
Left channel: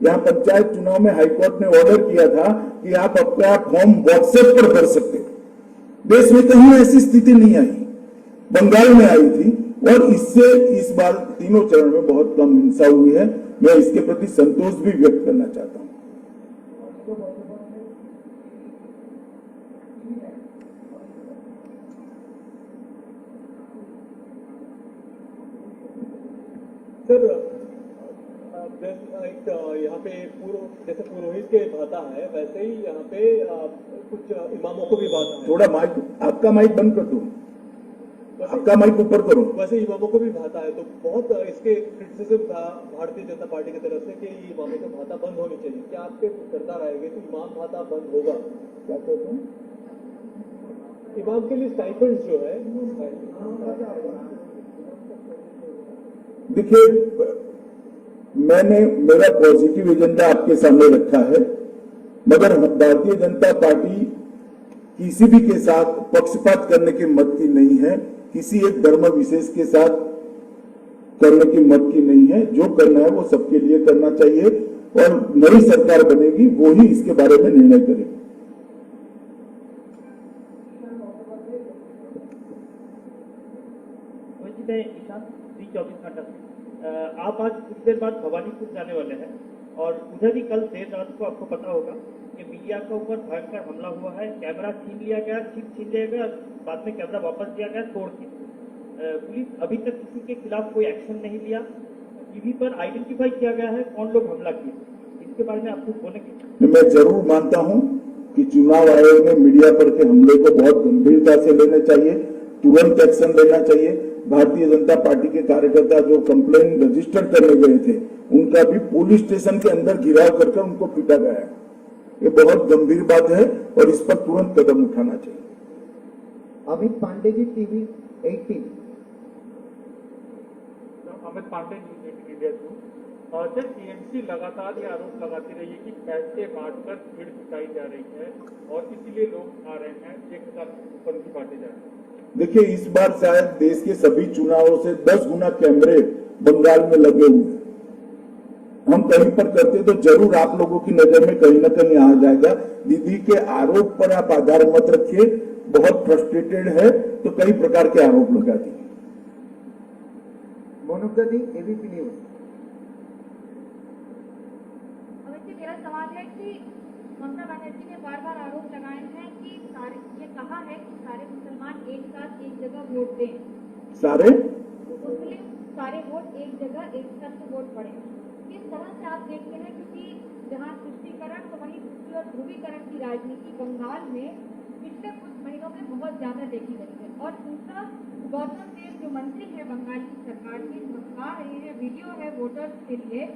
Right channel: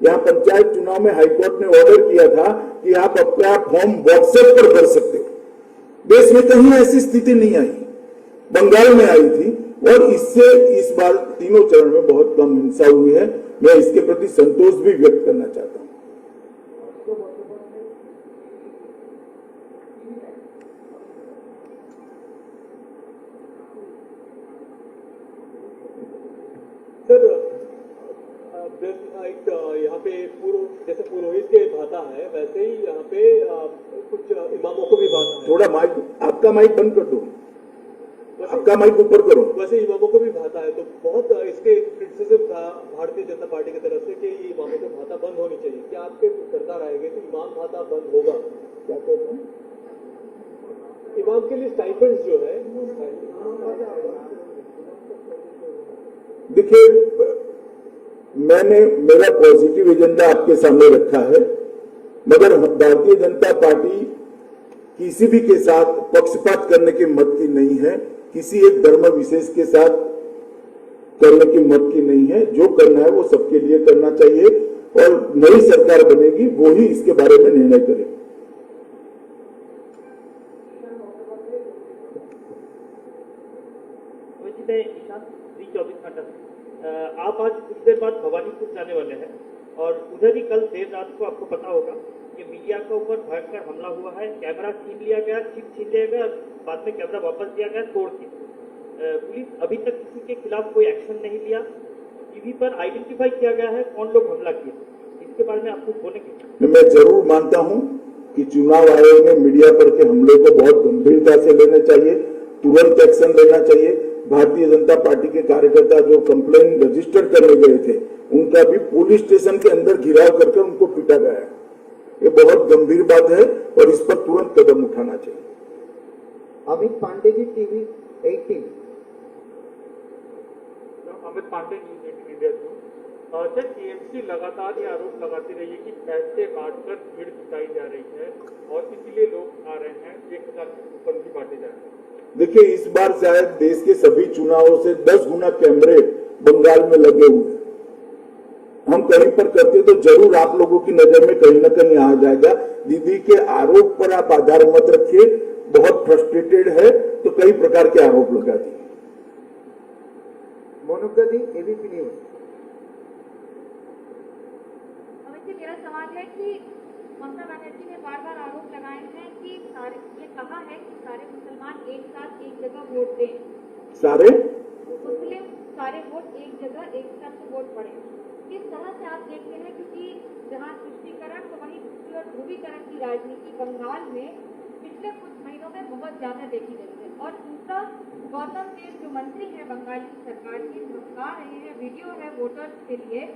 यहां पंचायत चुनाव में हाईकोर्ट ने ऑर्डर किया था कि आप अपना फॉर्म व्हाट्सएप पर भर सकते हो। देश में कहीं ऐसी स्थिति नहीं आई, बंगाल में आई थी, और इससे इस बार तीनों चरण में बहुत कम हिंसा हुई है। मैं इसके प्रति संतोष भी व्यक्त करना चाहता हूं। सर, एक यहाँ पे जैसे पुरोहित के भाता है, वैसे ही यहाँ पे कुछ इमामों को भी भाता है। थोड़ा माइक, आपका माइक बंद कर दो, आपका माइक ऊपर करो। वैसे इमामों को भी भाता है, तो बहुत इसके क्रिटिसिज्म था भारतीय जनता पार्टी की तरफ से कि ये इमामों को भाता बंद होनी चाहिए। क्या आपके सरकार आएगी तो इमाम भाता बंद होगा? क्या कहते हैं? इमाम के लिए स्टाइपेंड्स जो है, देखिए, मैंने मेरा पॉजिटिव एजेंडा आपके सामने रखा है, मगर भारतीय जनता पार्टी किसी भी के साथ पक्षपात करने के मत की नहीं है, किसी एक धर्म विशेष के साथ करने की मत की नहीं है। जो करना है वो सबके लिए करना चाहिए, और नई सरकार बनेगी वो ही इसके बारे में निर्णय करेगी। ईशान 24 घंटा। आप आज कुछ देर बाद भवानीपुर जाने वाले हैं, और उधर ही कल देर रात को आपको पता होगा कि मीडिया के ऊपर भयंकर हमला हुआ है। कैमरा छीन लिया गया, चिप छीन लिया गया, बाद में कैमरा वापस दिया गया तोड़ के। पुलिस अभी तक किसी के खिलाफ कोई एक्शन नहीं लिया। टीवी पर आइडेंटिफाई किया गया है कौन लोग हमला किए, इसके बारे में आप कुछ बोलेंगे? मैं जरूर मानता हूं कि चुनाव आयोग ने मीडिया पर के हमले को बहुत गंभीरता से लेना चाहिए, तुरंत एक्शन लेना चाहिए। भारतीय जनता पार्टी के कार्यकर्ता जो कंप्लेन रजिस्टर करने गए थे, उनका भी पुलिस स्टेशन के अंदर घिराव कर उनको पीटा गया है। ये बहुत गंभीर बात है, और इस पर तुरंत कदम उठाना चाहिए। Amit Pande ji, TV 18। Amit Pande, news 18 India through. Sir, TMC लगातार ये आरोप लगाती रही है कि पैसे बांटकर भीड़ जुटाई जा रही है, और इसीलिए लोग आ रहे हैं, 1000 ऊपर भी बांटे जा रहे हैं। देखिए, इस बार शायद देश के सभी चुनावों से 10 गुना कैमरे बंगाल में लगे हुए हैं। हम कहीं पर करते तो जरूर आप लोगों की नजर में कहीं ना कहीं आ जाएगा। दीदी के आरोप पर आप आधार मत रखिए, बहुत फ्रस्ट्रेटेड है तो कई प्रकार के आरोप लगा दिए। मोनुका दी, एबीपी न्यूज। अमित जी, मेरा मेरा सवाल है कि ममता बनर्जी ने बार बार आरोप लगाए हैं कि ये कहा है कि सारे मुसलमान एक साथ एक जगह वोट दें, सारे मुस्लिम सारे वोट एक जगह एक साथ वोट पड़े। किस तरह से आप देखते हैं, क्योंकि जहाँ तुष्टीकरण तो वहीं दूसरी ओर ध्रुवीकरण की राजनीति बंगाल में पिछले कुछ महीनों में बहुत ज्यादा देखी गई है। और दूसरा, गौतम देव जो मंत्री है बंगाल की सरकार के, धमका रहे हैं, वीडियो है वोटर्स के लिए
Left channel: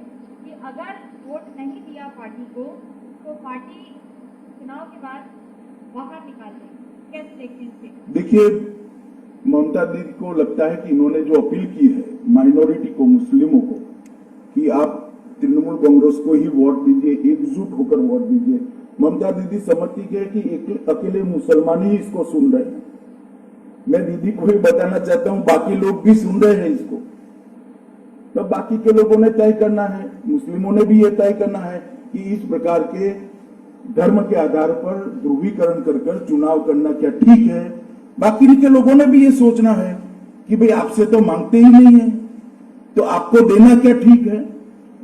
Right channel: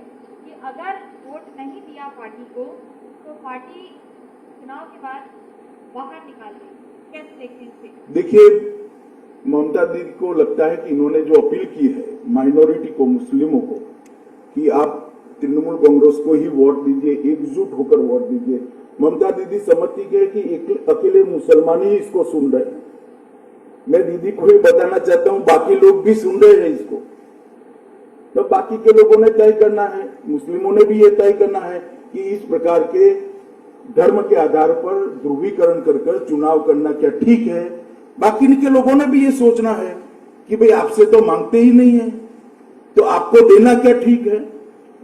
कि अगर वोट नहीं दिया पार्टी को तो पार्टी चुनाव के बाद बाहर निकाल देगी। कैसे देखते हैं इसे? देखिए, ममता दीदी को लगता है कि इन्होंने जो अपील की है माइनॉरिटी को, मुस्लिमों को, कि आप तृणमूल कांग्रेस को ही वोट दीजिए, एकजुट होकर वोट दीजिए। ममता दीदी समझती है कि अकेले मुसलमान ही इसको सुन रहे हैं। मैं दीदी को ही बताना चाहता हूं, बाकी लोग भी सुन रहे हैं इसको, तो बाकी के लोगों ने तय करना है, मुस्लिमों ने भी ये तय करना है कि इस प्रकार के धर्म के आधार पर ध्रुवीकरण कर चुनाव करना क्या ठीक है। बाकी के लोगों ने भी ये सोचना है कि भाई आपसे तो मांगते ही नहीं है, तो आपको देना क्या ठीक है,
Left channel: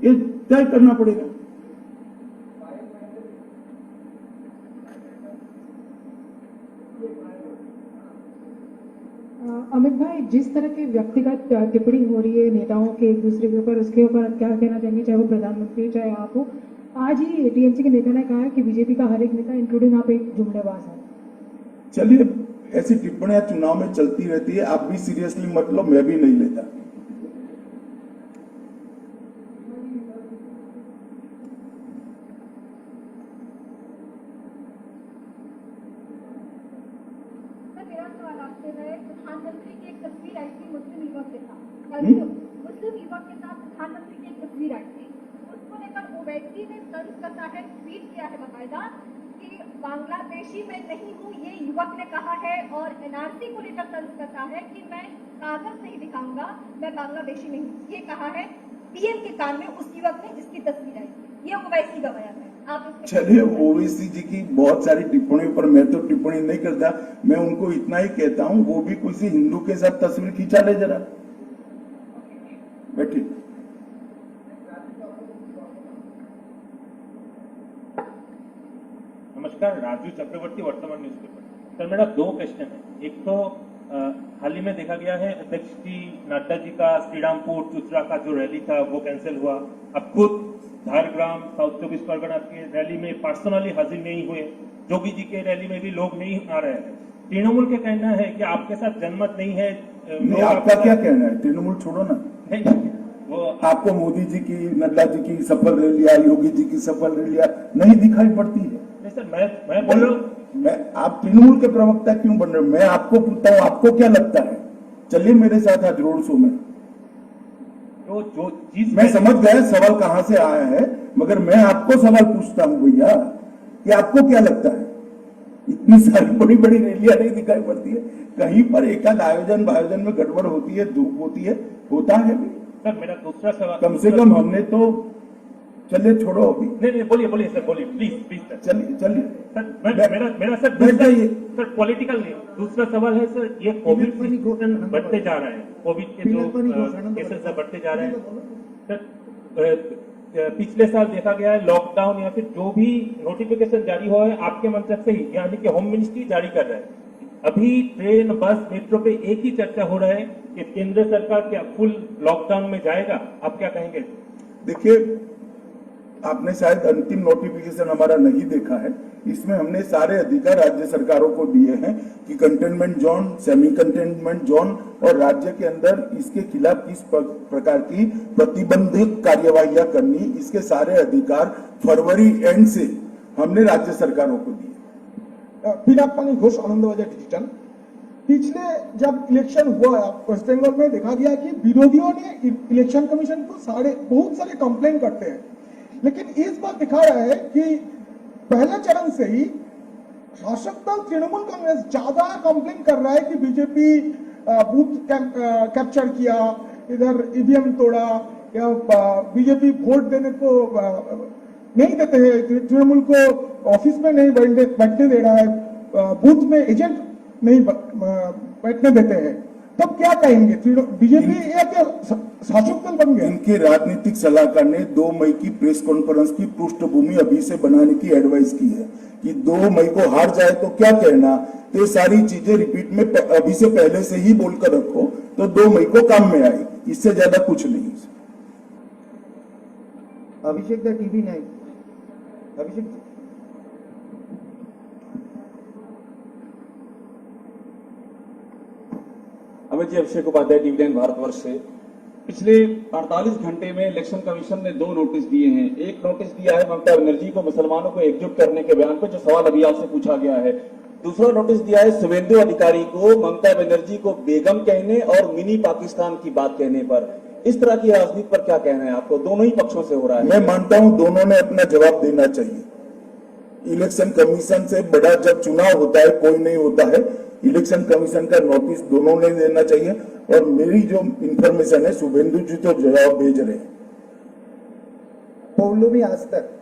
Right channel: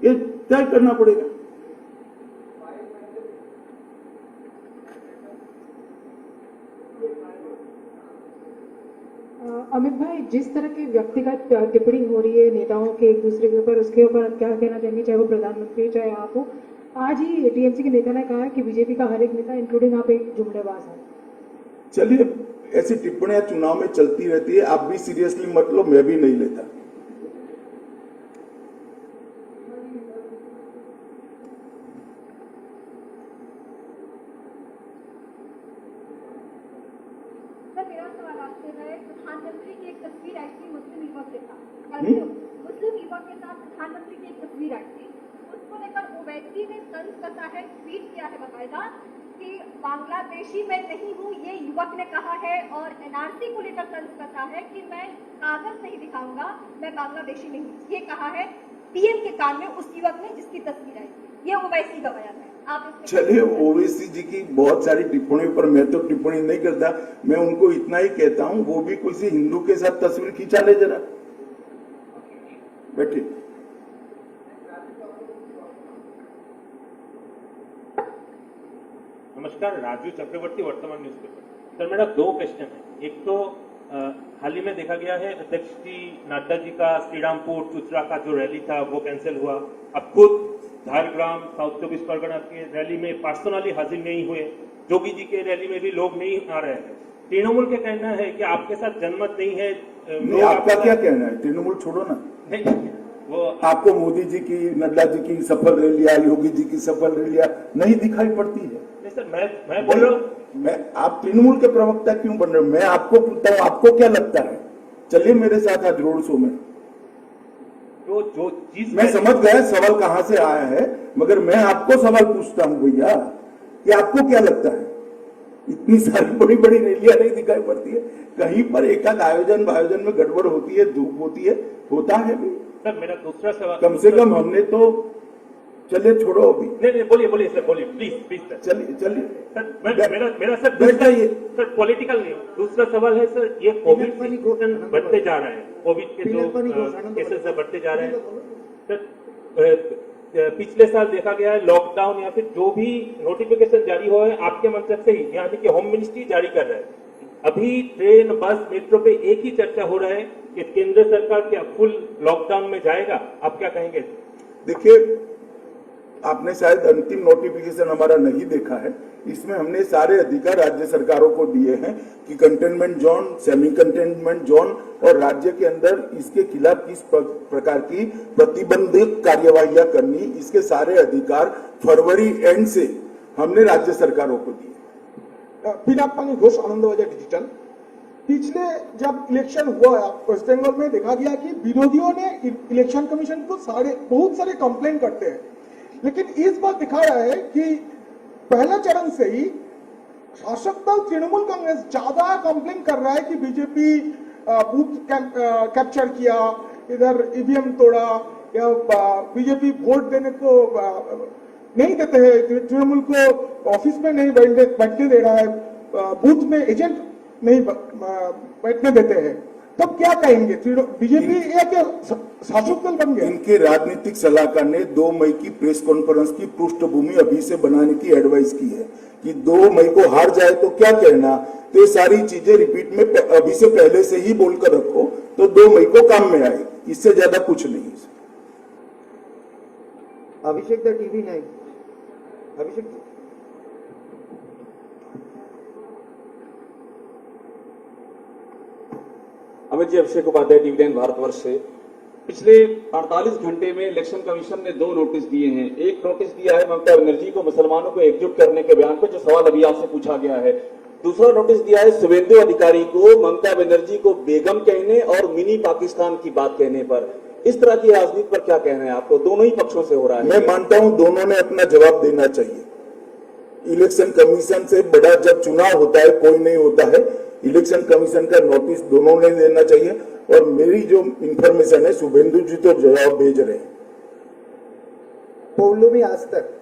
ये तय करना पड़ेगा। अमित भाई, जिस तरह की व्यक्तिगत टिप्पणी हो रही है नेताओं के एक दूसरे के ऊपर, उसके ऊपर आप क्या कहना चाहेंगे, चाहे वो प्रधानमंत्री हो चाहे आप हो? आज ही टीएमसी के नेता ने कहा कि बीजेपी का हर एक नेता इंक्लूडिंग आप एक जुमलेबाज है। चलिए, ऐसी टिप्पणियां चुनाव में चलती रहती है, आप भी सीरियसली मत लो, मैं भी नहीं लेता। प्रधानमंत्री की एक तस्वीर आई थी मुस्लिम युवक के साथ, मुस्लिम युवक के साथ प्रधानमंत्री की एक तस्वीर आई थी। उसको लेकर ओवैसी ने तंज कसा है, ट्वीट किया है बाकायदा कि बांग्लादेशी मैं नहीं हूँ, ये युवक ने कहा है। और एनआरसी को लेकर तंज कसा है कि मैं कागज नहीं दिखाऊंगा, मैं बांग्लादेशी नहीं, ये कहा है पीएम के कान में उस युवक ने जिसकी तस्वीर आई। ये ओवैसी का बयान है। चलिए, ओवैसी जी की बहुत सारी टिप्पणियों पर मैं तो टिप्पणी नहीं करता, मैं उनको इतना ही कहता हूं, वो भी किसी हिंदू के साथ तस्वीर खींचा ले जरा, बैठिए। नमस्कार, राजू चक्रवर्ती, वर्तमान न्यूज़पेपर। सर, मेरा दो क्वेश्चन है। एक तो हाल ही में देखा गया है अध्यक्ष जी नड्डा जी का श्रीरामपुर चुचरा का जो रैली था वो कैंसिल हुआ। अब खुद झारग्राम साउथ 24 परगना की रैली में पर्सनली हाजिर नहीं हुए, जोगी जी के रैली में भी लोग नहीं आ रहे हैं। तृणमूल का कहना है कि आपके साथ जनमत नहीं है। नहीं, आपका क्या कहना है? तृणमूल छोड़ो ना, नहीं, वो आपको मोदी जी की, नड्डा जी की सफल रैलियां, योगी जी की सफल रैलियां नहीं दिखाई पड़ती है? नहीं सर, मैं बोल रहा हूँ, आप तृणमूल के प्रवक्ता क्यों बन रहे हो? मैं आपको पूछता हूँ, आपको क्या लगता है? चलिए मेरे साथ आज रोड शो में। तो जो चीज मैं समझ गया सवाल कहां से आया है, मगर मैं आपको सवाल पूछता हूं भैया कि आपको क्या लगता है? इतनी सारी बड़ी बड़ी रैलियां नहीं दिखाई पड़ती है? कहीं पर एकाध आयोजन में गड़बड़ होती है, धूप होती है, होता है भी। सर, मेरा दूसरा सवाल, कम से कम हमने तो, चलिए छोड़ो अभी। नहीं, बोलिए सर, बोलिए प्लीज सर। चलिए सर, मेरा सर जाइए सर, पॉलिटिकल नहीं, दूसरा सवाल है सर, ये कोविड सिचुएशन बढ़ते जा रहे हैं, कोविड के जो केसेस बढ़ते जा रहे हैं सर। पिछले साल देखा गया है लॉकडाउन या फिर जो भी नोटिफिकेशन जारी हुआ है आपके मंत्रालय से ही, यानी कि होम मिनिस्ट्री जारी कर रहा है। अभी ट्रेन, बस, मेट्रो पे एक ही चर्चा हो रहा है कि केंद्र सरकार क्या फुल लॉकडाउन में जाएगा? आप क्या कहेंगे? देखिए, आपने शायद अंतिम नोटिफिकेशन हमारा नहीं देखा है। इसमें हमने सारे अधिकार राज्य सरकारों को दिए हैं कि containment zone, semi containment zone और राज्य के अंदर इसके खिलाफ किस प्रकार की प्रतिबंधित कार्यवाहियां करनी, इसके सारे अधिकार फरवरी एंड से हमने राज्य सरकारों को दिए। पिनाक पानी घोष, आनंदबाजार डिजिटल। पिछले जब इलेक्शन हुआ वेस्ट बंगाल में, देखा गया कि विरोधियों ने इलेक्शन कमीशन को बहुत सारे कंप्लेन करते हैं, लेकिन इस बार दिखा रहा है कि पहले चरण से ही शासक दल तृणमूल कांग्रेस ज्यादा कंप्लेन कर रहा है कि बीजेपी बूथ कैप्चर किया, इधर ईवीएम तोड़ा, या बीजेपी वोट देने को नहीं देते हैं, तृणमूल को ऑफिस में नहीं बैठने दे रहा है, बूथ में एजेंट नहीं बैठने देते हैं। तब क्या कहेंगे? बीजेपी एक शासक दल बन गया। इनके राजनीतिक सलाहकार ने 2 मई की प्रेस कॉन्फ्रेंस की पृष्ठभूमि अभी से बनाने की एडवाइस की है कि 2 मई को हार जाए तो क्या कहना। तो ये सारी चीजें रिपीट में अभी से पहले से ही बोलकर रखो तो 2 मई को काम में आएगी, इससे ज्यादा कुछ नहीं। Abhishek the TV 9। Abhishek ji. Amit ji, Abhishek Upadhyay, TV 9 Bharatvarsh से। पिछले 48 घंटे में इलेक्शन कमीशन ने 2 नोटिस दिए हैं। एक नोटिस दिया है ममता बनर्जी को मुसलमानों को एकजुट करने के बयान पर, जो सवाल अभी आपसे पूछा गया है। दूसरा नोटिस दिया है शुभेंदु अधिकारी को ममता बनर्जी को बेगम कहने और मिनी पाकिस्तान की बात कहने पर। इस तरह की राजनीति पर क्या कहना है आपको? दोनों ही पक्षों से हो रहा है। मैं मानता हूं दोनों ने अपना जवाब देना चाहिए। इलेक्शन कमीशन से बड़ा जब चुनाव होता है, कोई नहीं होता है। इलेक्शन कमीशन का नोटिस दोनों ने देना चाहिए। और मेरी जो इंफॉर्मेशन है, शुभेंदु जी तो जवाब भेज रहे हैं। पौलुमी आज तक।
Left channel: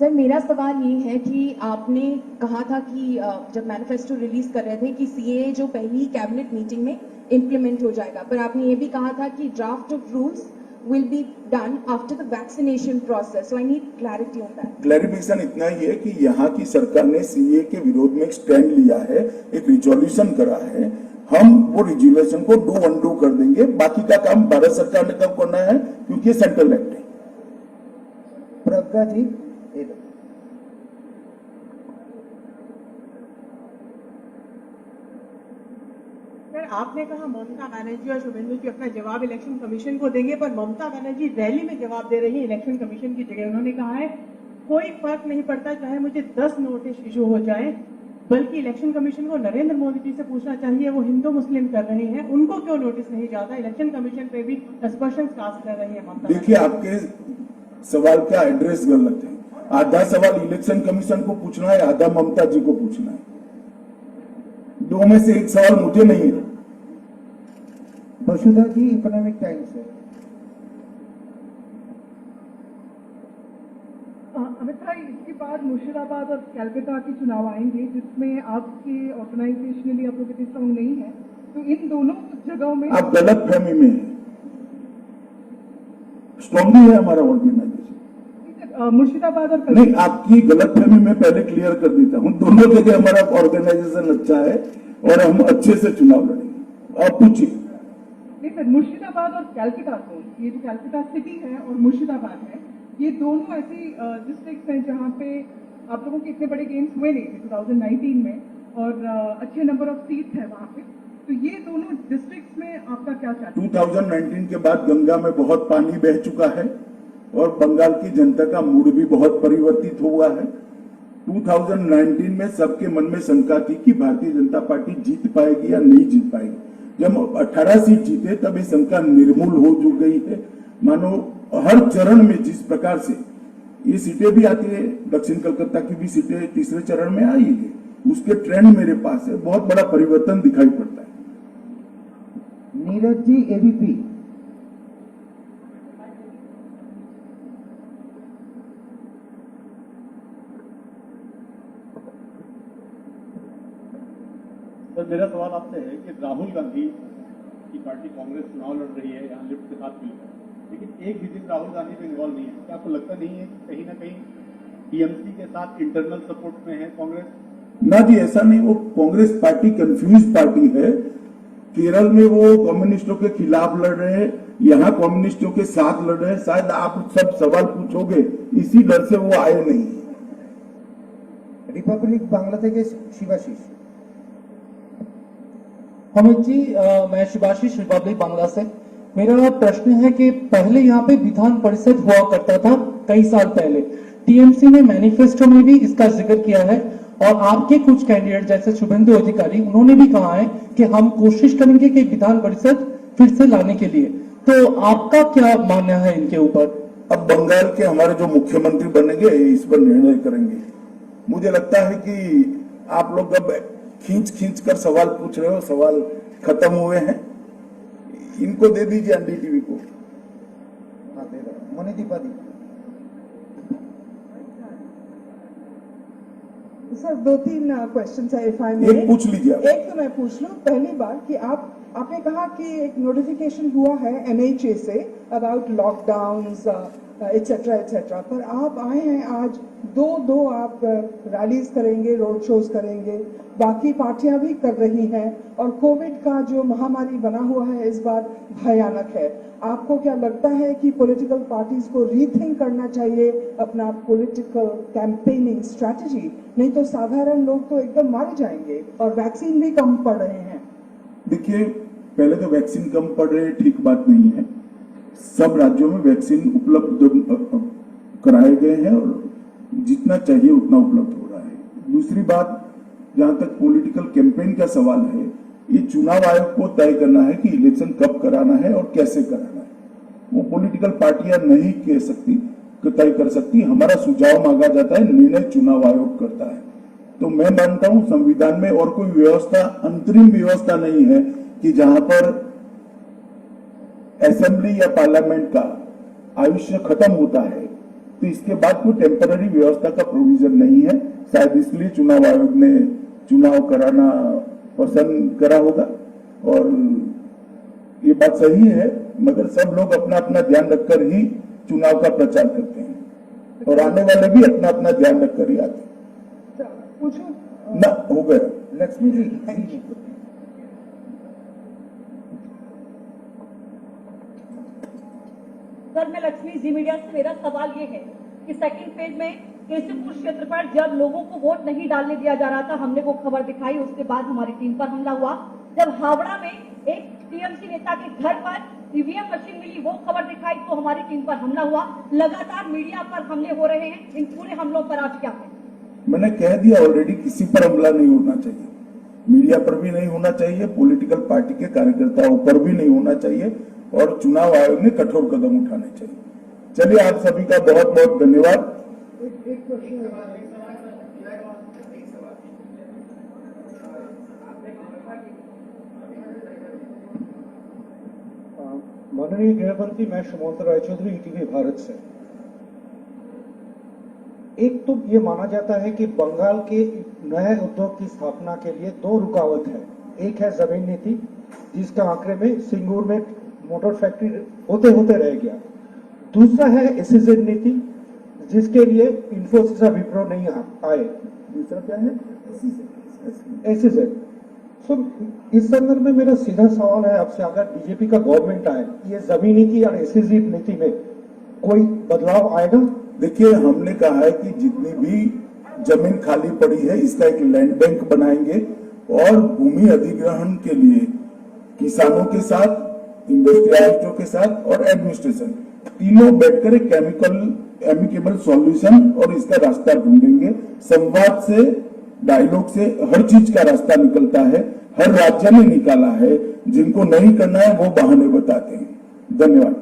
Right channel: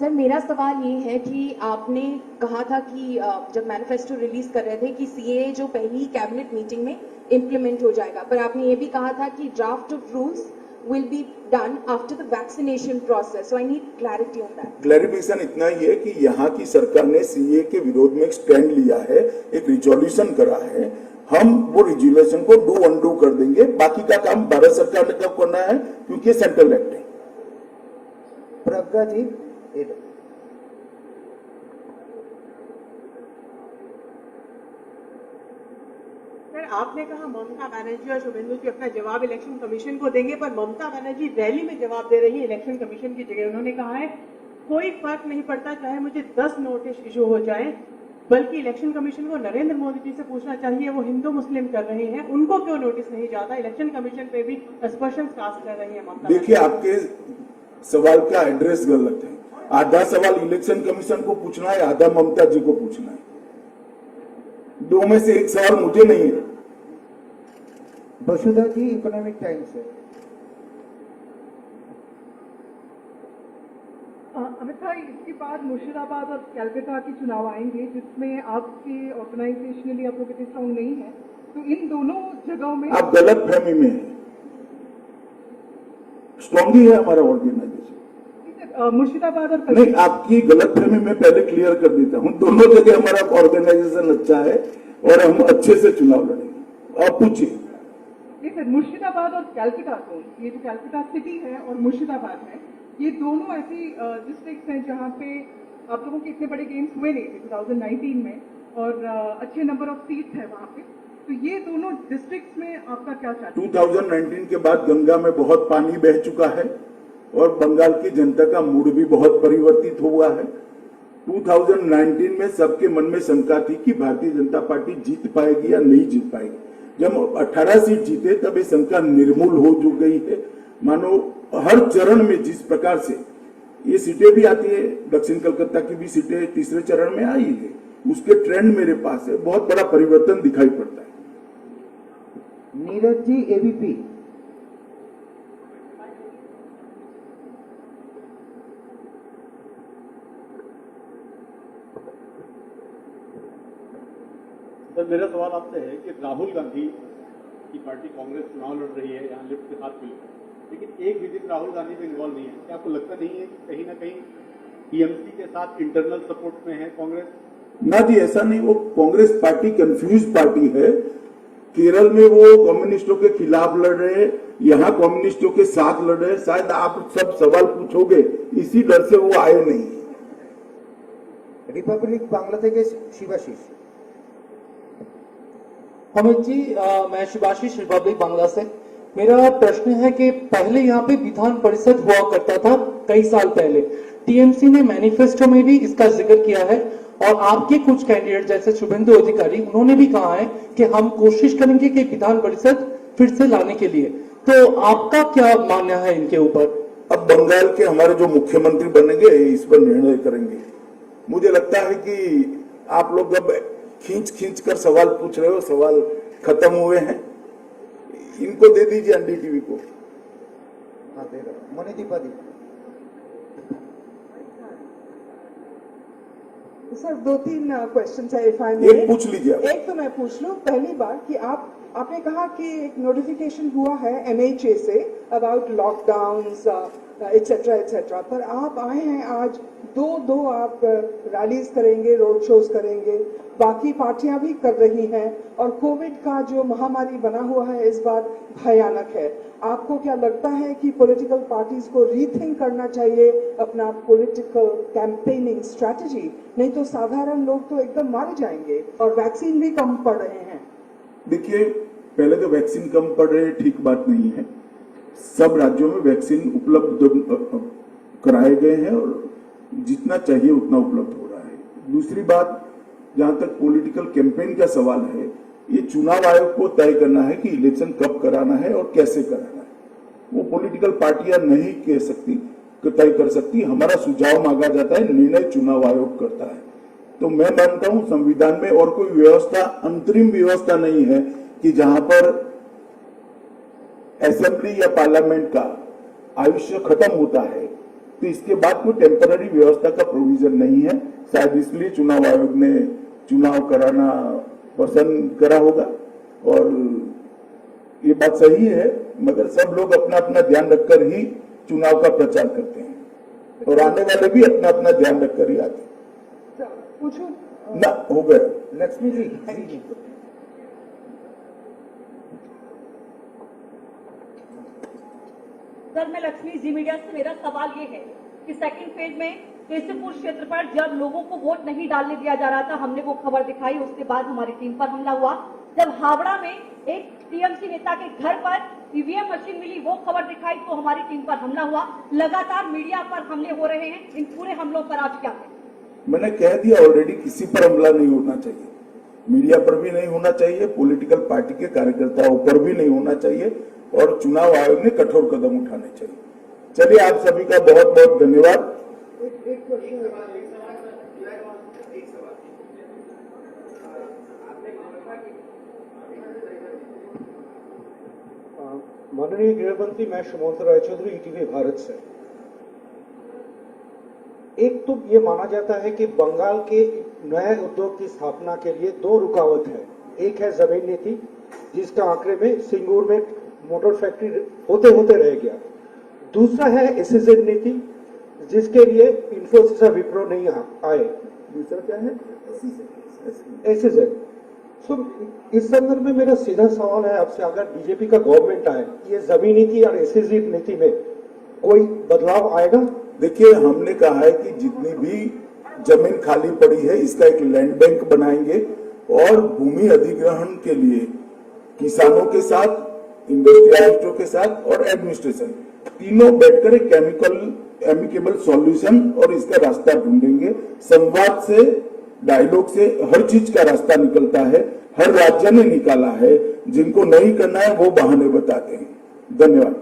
सर, मेरा सवाल ये है कि आपने कहा था कि जब मैनिफेस्टो रिलीज कर रहे थे कि सीएए जो पहली कैबिनेट मीटिंग में इम्प्लीमेंट हो जाएगा, पर आपने ये भी कहा था कि draft of rules will be done after the vaccination process. So I need clarity on that. Clarification इतना ही है कि यहाँ की सरकार ने सीए के विरोध में एक स्टैंड लिया है, एक रिजोल्यूशन करा है। हम वो रिजोल्यूशन को डू अनडू कर देंगे। बाकी का काम भारत सरकार ने कब करना है, क्योंकि सेंट्रल एक्ट है। प्रज्ञा जी। सर, आपने कहा ममता बनर्जी और शुभेंदु जी अपना जवाब इलेक्शन कमीशन को देंगे, पर ममता बनर्जी रैली में जवाब दे रही है इलेक्शन कमीशन की जगह। उन्होंने कहा है कोई फर्क नहीं पड़ता चाहे मुझे 10 नोटिस इशू हो जाए, बल्कि इलेक्शन कमीशन को नरेंद्र मोदी जी से पूछना चाहिए, वो हिंदू मुस्लिम कर रहे हैं, उनको क्यों नोटिस नहीं जाता। इलेक्शन कमीशन पे भी सस्पेंशन कास्ट कर रही है ममता। देखिए, आपके सवाल का एड्रेस गलत है। आधा सवाल इलेक्शन कमीशन को पूछना है, आधा ममता जी को पूछना है। 2 में से एक सवाल मुझे नहीं है। वसुधा जी, इकोनॉमिक टाइम्स है। अमित भाई, इसके बाद मुर्शिदाबाद और कलकत्ता के चुनाव आएंगे, जिसमें आपके ऑर्गेनाइजेशनली आप लोग इतने स्ट्रांग नहीं है, तो इन दोनों जगहों में आप गलत फहमी में है। स्ट्रांग है हमारा ऑर्गेनाइजेशन। मुर्शिदाबाद और नहीं, आपकी गलत फहमी में पहले क्लियर कर देता हूं। दोनों जगह हमारा ऑर्गेनाइजेशन अच्छा है और हम अच्छे से चुनाव लड़ेंगे। आप पूछिए। नहीं सर, मुर्शिदाबाद और कलकत्ता जोन, ये जो कलकत्ता सिटी है और मुर्शिदाबाद है, ये दोनों ऐसी डिस्ट्रिक्ट हैं जहां पे आप लोगों के इतने बड़े गेम्स हुए नहीं थे 2019 में, और अच्छे नंबर ऑफ सीट्स है वहां पे। तो ये दोनों डिस्ट्रिक्ट्स में आपका क्या चाहते हैं? 2019 के बाद गंगा में बहुत पानी बह चुका है और बंगाल की जनता का मूड भी बहुत परिवर्तित हुआ है। 2019 में सबके मन में शंका थी कि भारतीय जनता पार्टी जीत पाएगी या नहीं जीत पाएगी। जब 18 सीट जीते तब ये शंका निर्मूल हो जो गई है। मानो हर चरण में जिस प्रकार से ये सीटें भी आती है, दक्षिण कलकत्ता की भी सीटें तीसरे चरण में आई है, उसके ट्रेंड मेरे पास है। बहुत बड़ा परिवर्तन दिखाई पड़ता है। नीरज जी, एबीपी। सर, मेरा सवाल आपसे है कि राहुल गांधी की पार्टी कांग्रेस चुनाव लड़ रही है यहाँ लिफ्ट के साथ मिलकर, लेकिन एक भी दिन राहुल गांधी पे इन्वॉल्व नहीं है। क्या आपको लगता नहीं है कि कहीं ना कहीं टीएमसी के साथ इंटरनल सपोर्ट में है कांग्रेस? ना जी, ऐसा नहीं। वो कांग्रेस पार्टी कंफ्यूज पार्टी है। केरल में वो कम्युनिस्टों के खिलाफ लड़ रहे हैं, यहाँ कम्युनिस्टों के साथ लड़ रहे हैं। शायद आप सब सवाल पूछोगे, इसी डर से वो आए नहीं। रिपब्लिक बांग्ला থেকে शिवाशीष। अमित जी, मैं शिवाशीष रिपब्लिक बांग्ला से। मेरा प्रश्न है कि पहले यहाँ पे विधान परिषद हुआ करता था कई साल पहले। टीएमसी ने मैनिफेस्टो में भी इसका जिक्र किया है और आपके कुछ कैंडिडेट जैसे शुभेंदु अधिकारी, उन्होंने भी कहा है कि हम कोशिश करेंगे कि विधान परिषद फिर से लाने के लिए। तो आपका क्या मानना है इनके ऊपर? अब बंगाल के हमारे जो मुख्यमंत्री बनेंगे इस पर निर्णय करेंगे। मुझे लगता है कि आप लोग अब खींच कर सवाल पूछ रहे हो, सवाल खत्म हुए हैं। इनको दे दीजिए एनडीटीवी को। मणिदीपा दी। सर 2-3 क्वेश्चन है इफ आई एक पूछ लीजिए आप। एक तो मैं पूछ लूं, पहली बार कि आपने कहा कि एक नोटिफिकेशन हुआ है MHA say about lockdowns etcetera etcetera, पर आप आए हैं आज दो आप रैलीज करेंगे, रोड शोज करेंगे, बाकी पार्टियां भी कर रही हैं, और कोविड का जो महामारी बना हुआ है इस बार भयानक है। आपको क्या लगता है कि पॉलिटिकल पार्टीज को रीथिंक करना चाहिए अपना पॉलिटिकल कैंपेनिंग स्ट्रैटेजी? नहीं तो साधारण लोग तो एकदम मारे जाएंगे, और वैक्सीन भी कम पड़ रहे हैं। देखिए, पहले तो वैक्सीन कम पड़ रहे ठीक बात नहीं है। सब राज्यों में वैक्सीन उपलब्ध कराए गए हैं और जितना चाहिए उतना उपलब्ध हो रहा है। दूसरी बात, जहां तक पॉलिटिकल कैंपेन का सवाल है, ये चुनाव आयोग को तय करना है कि इलेक्शन कब कराना है और कैसे कराना है। वो पॉलिटिकल पार्टियां नहीं कह सकती, तय कर सकती। हमारा सुझाव मांगा जाता है, निर्णय चुनाव आयोग करता है। तो मैं मानता हूं संविधान में और कोई व्यवस्था, अंतरिम व्यवस्था नहीं है कि जहां पर असेंबली या पार्लियामेंट का आयुष्य खत्म होता है तो इसके बाद कोई टेम्पररी व्यवस्था का प्रोविजन नहीं है। शायद इसलिए चुनाव आयोग ने चुनाव कराना पसंद करा होगा, और ये बात सही है, मगर सब लोग अपना अपना ध्यान रखकर ही चुनाव का प्रचार करते हैं, और आने वाले भी अपना अपना ध्यान रखकर ही आते हैं। पूछूं ना, हो गया। लक्ष्मी जी, सर मैं लक्ष्मी, जी मीडिया से मेरा सवाल ये है कि सेकंड फेज में केशवपुर क्षेत्र पर जब लोगों को वोट नहीं डालने दिया जा रहा था, हमने वो खबर दिखाई, उसके बाद हमारी टीम पर हमला हुआ। जब हावड़ा में एक टीएमसी नेता के घर पर ईवीएम मशीन मिली, वो खबर दिखाई तो हमारी टीम पर हमला हुआ। लगातार मीडिया पर हमले हो रहे हैं, इन पूरे हमलों पर आप क्या कहें? मैंने कह दिया ऑलरेडी, किसी पर हमला नहीं होना चाहिए, मीडिया पर भी नहीं होना चाहिए, पॉलिटिकल पार्टी के कार्यकर्ताओं पर भी नहीं होना चाहिए, और चुनाव आयोग ने कठोर कदम उठाने चाहिए। चलिए, आप सभी का बहुत बहुत धन्यवाद। माननीय गृहमंत्री, मैं सुमंत राय चौधरी, ईटीवी भारत से। एक तो ये माना जाता है कि बंगाल के नए उद्योग की स्थापना के लिए 2 रुकावट है। एक है जमीन नीति, जिसका आंकड़े में सिंगूर में मोटर फैक्ट्री होते होते रह गया। दूसरा है एसईजेड नीति, जिसके लिए इन्फोसिस और विप्रो नहीं आए। दूसरा क्या है? एसईजेड। सो इस संदर्भ में मेरा सीधा सवाल है आपसे, अगर बीजेपी का गवर्नमेंट आए, ये जमीन नीति और एसईजेड नीति में कोई बदलाव आएगा? देखिए, हमने कहा है कि जितनी भी जमीन खाली पड़ी है, इसका एक लैंड बैंक बनाएंगे, और भूमि अधिग्रहण के लिए किसानों के साथ, इंडस्ट्रियलिस्टों के साथ और एडमिनिस्ट्रेशन तीनों बैठकर एक एमिकेबल सॉल्यूशन और इसका रास्ता ढूंढेंगे। संवाद से, डायलॉग से हर चीज का रास्ता निकलता है। हर राज्य ने निकाला है, जिनको नहीं करना है वो बहाने बताते हैं। धन्यवाद।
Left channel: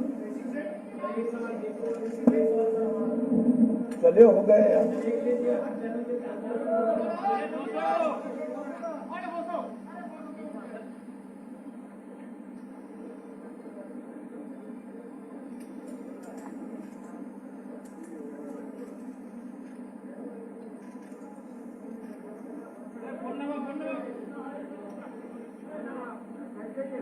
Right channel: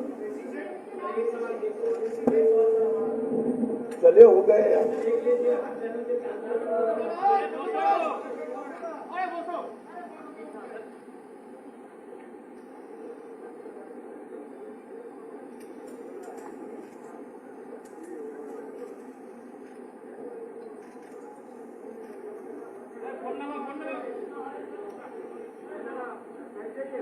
चले, हो गए यार। Thank you.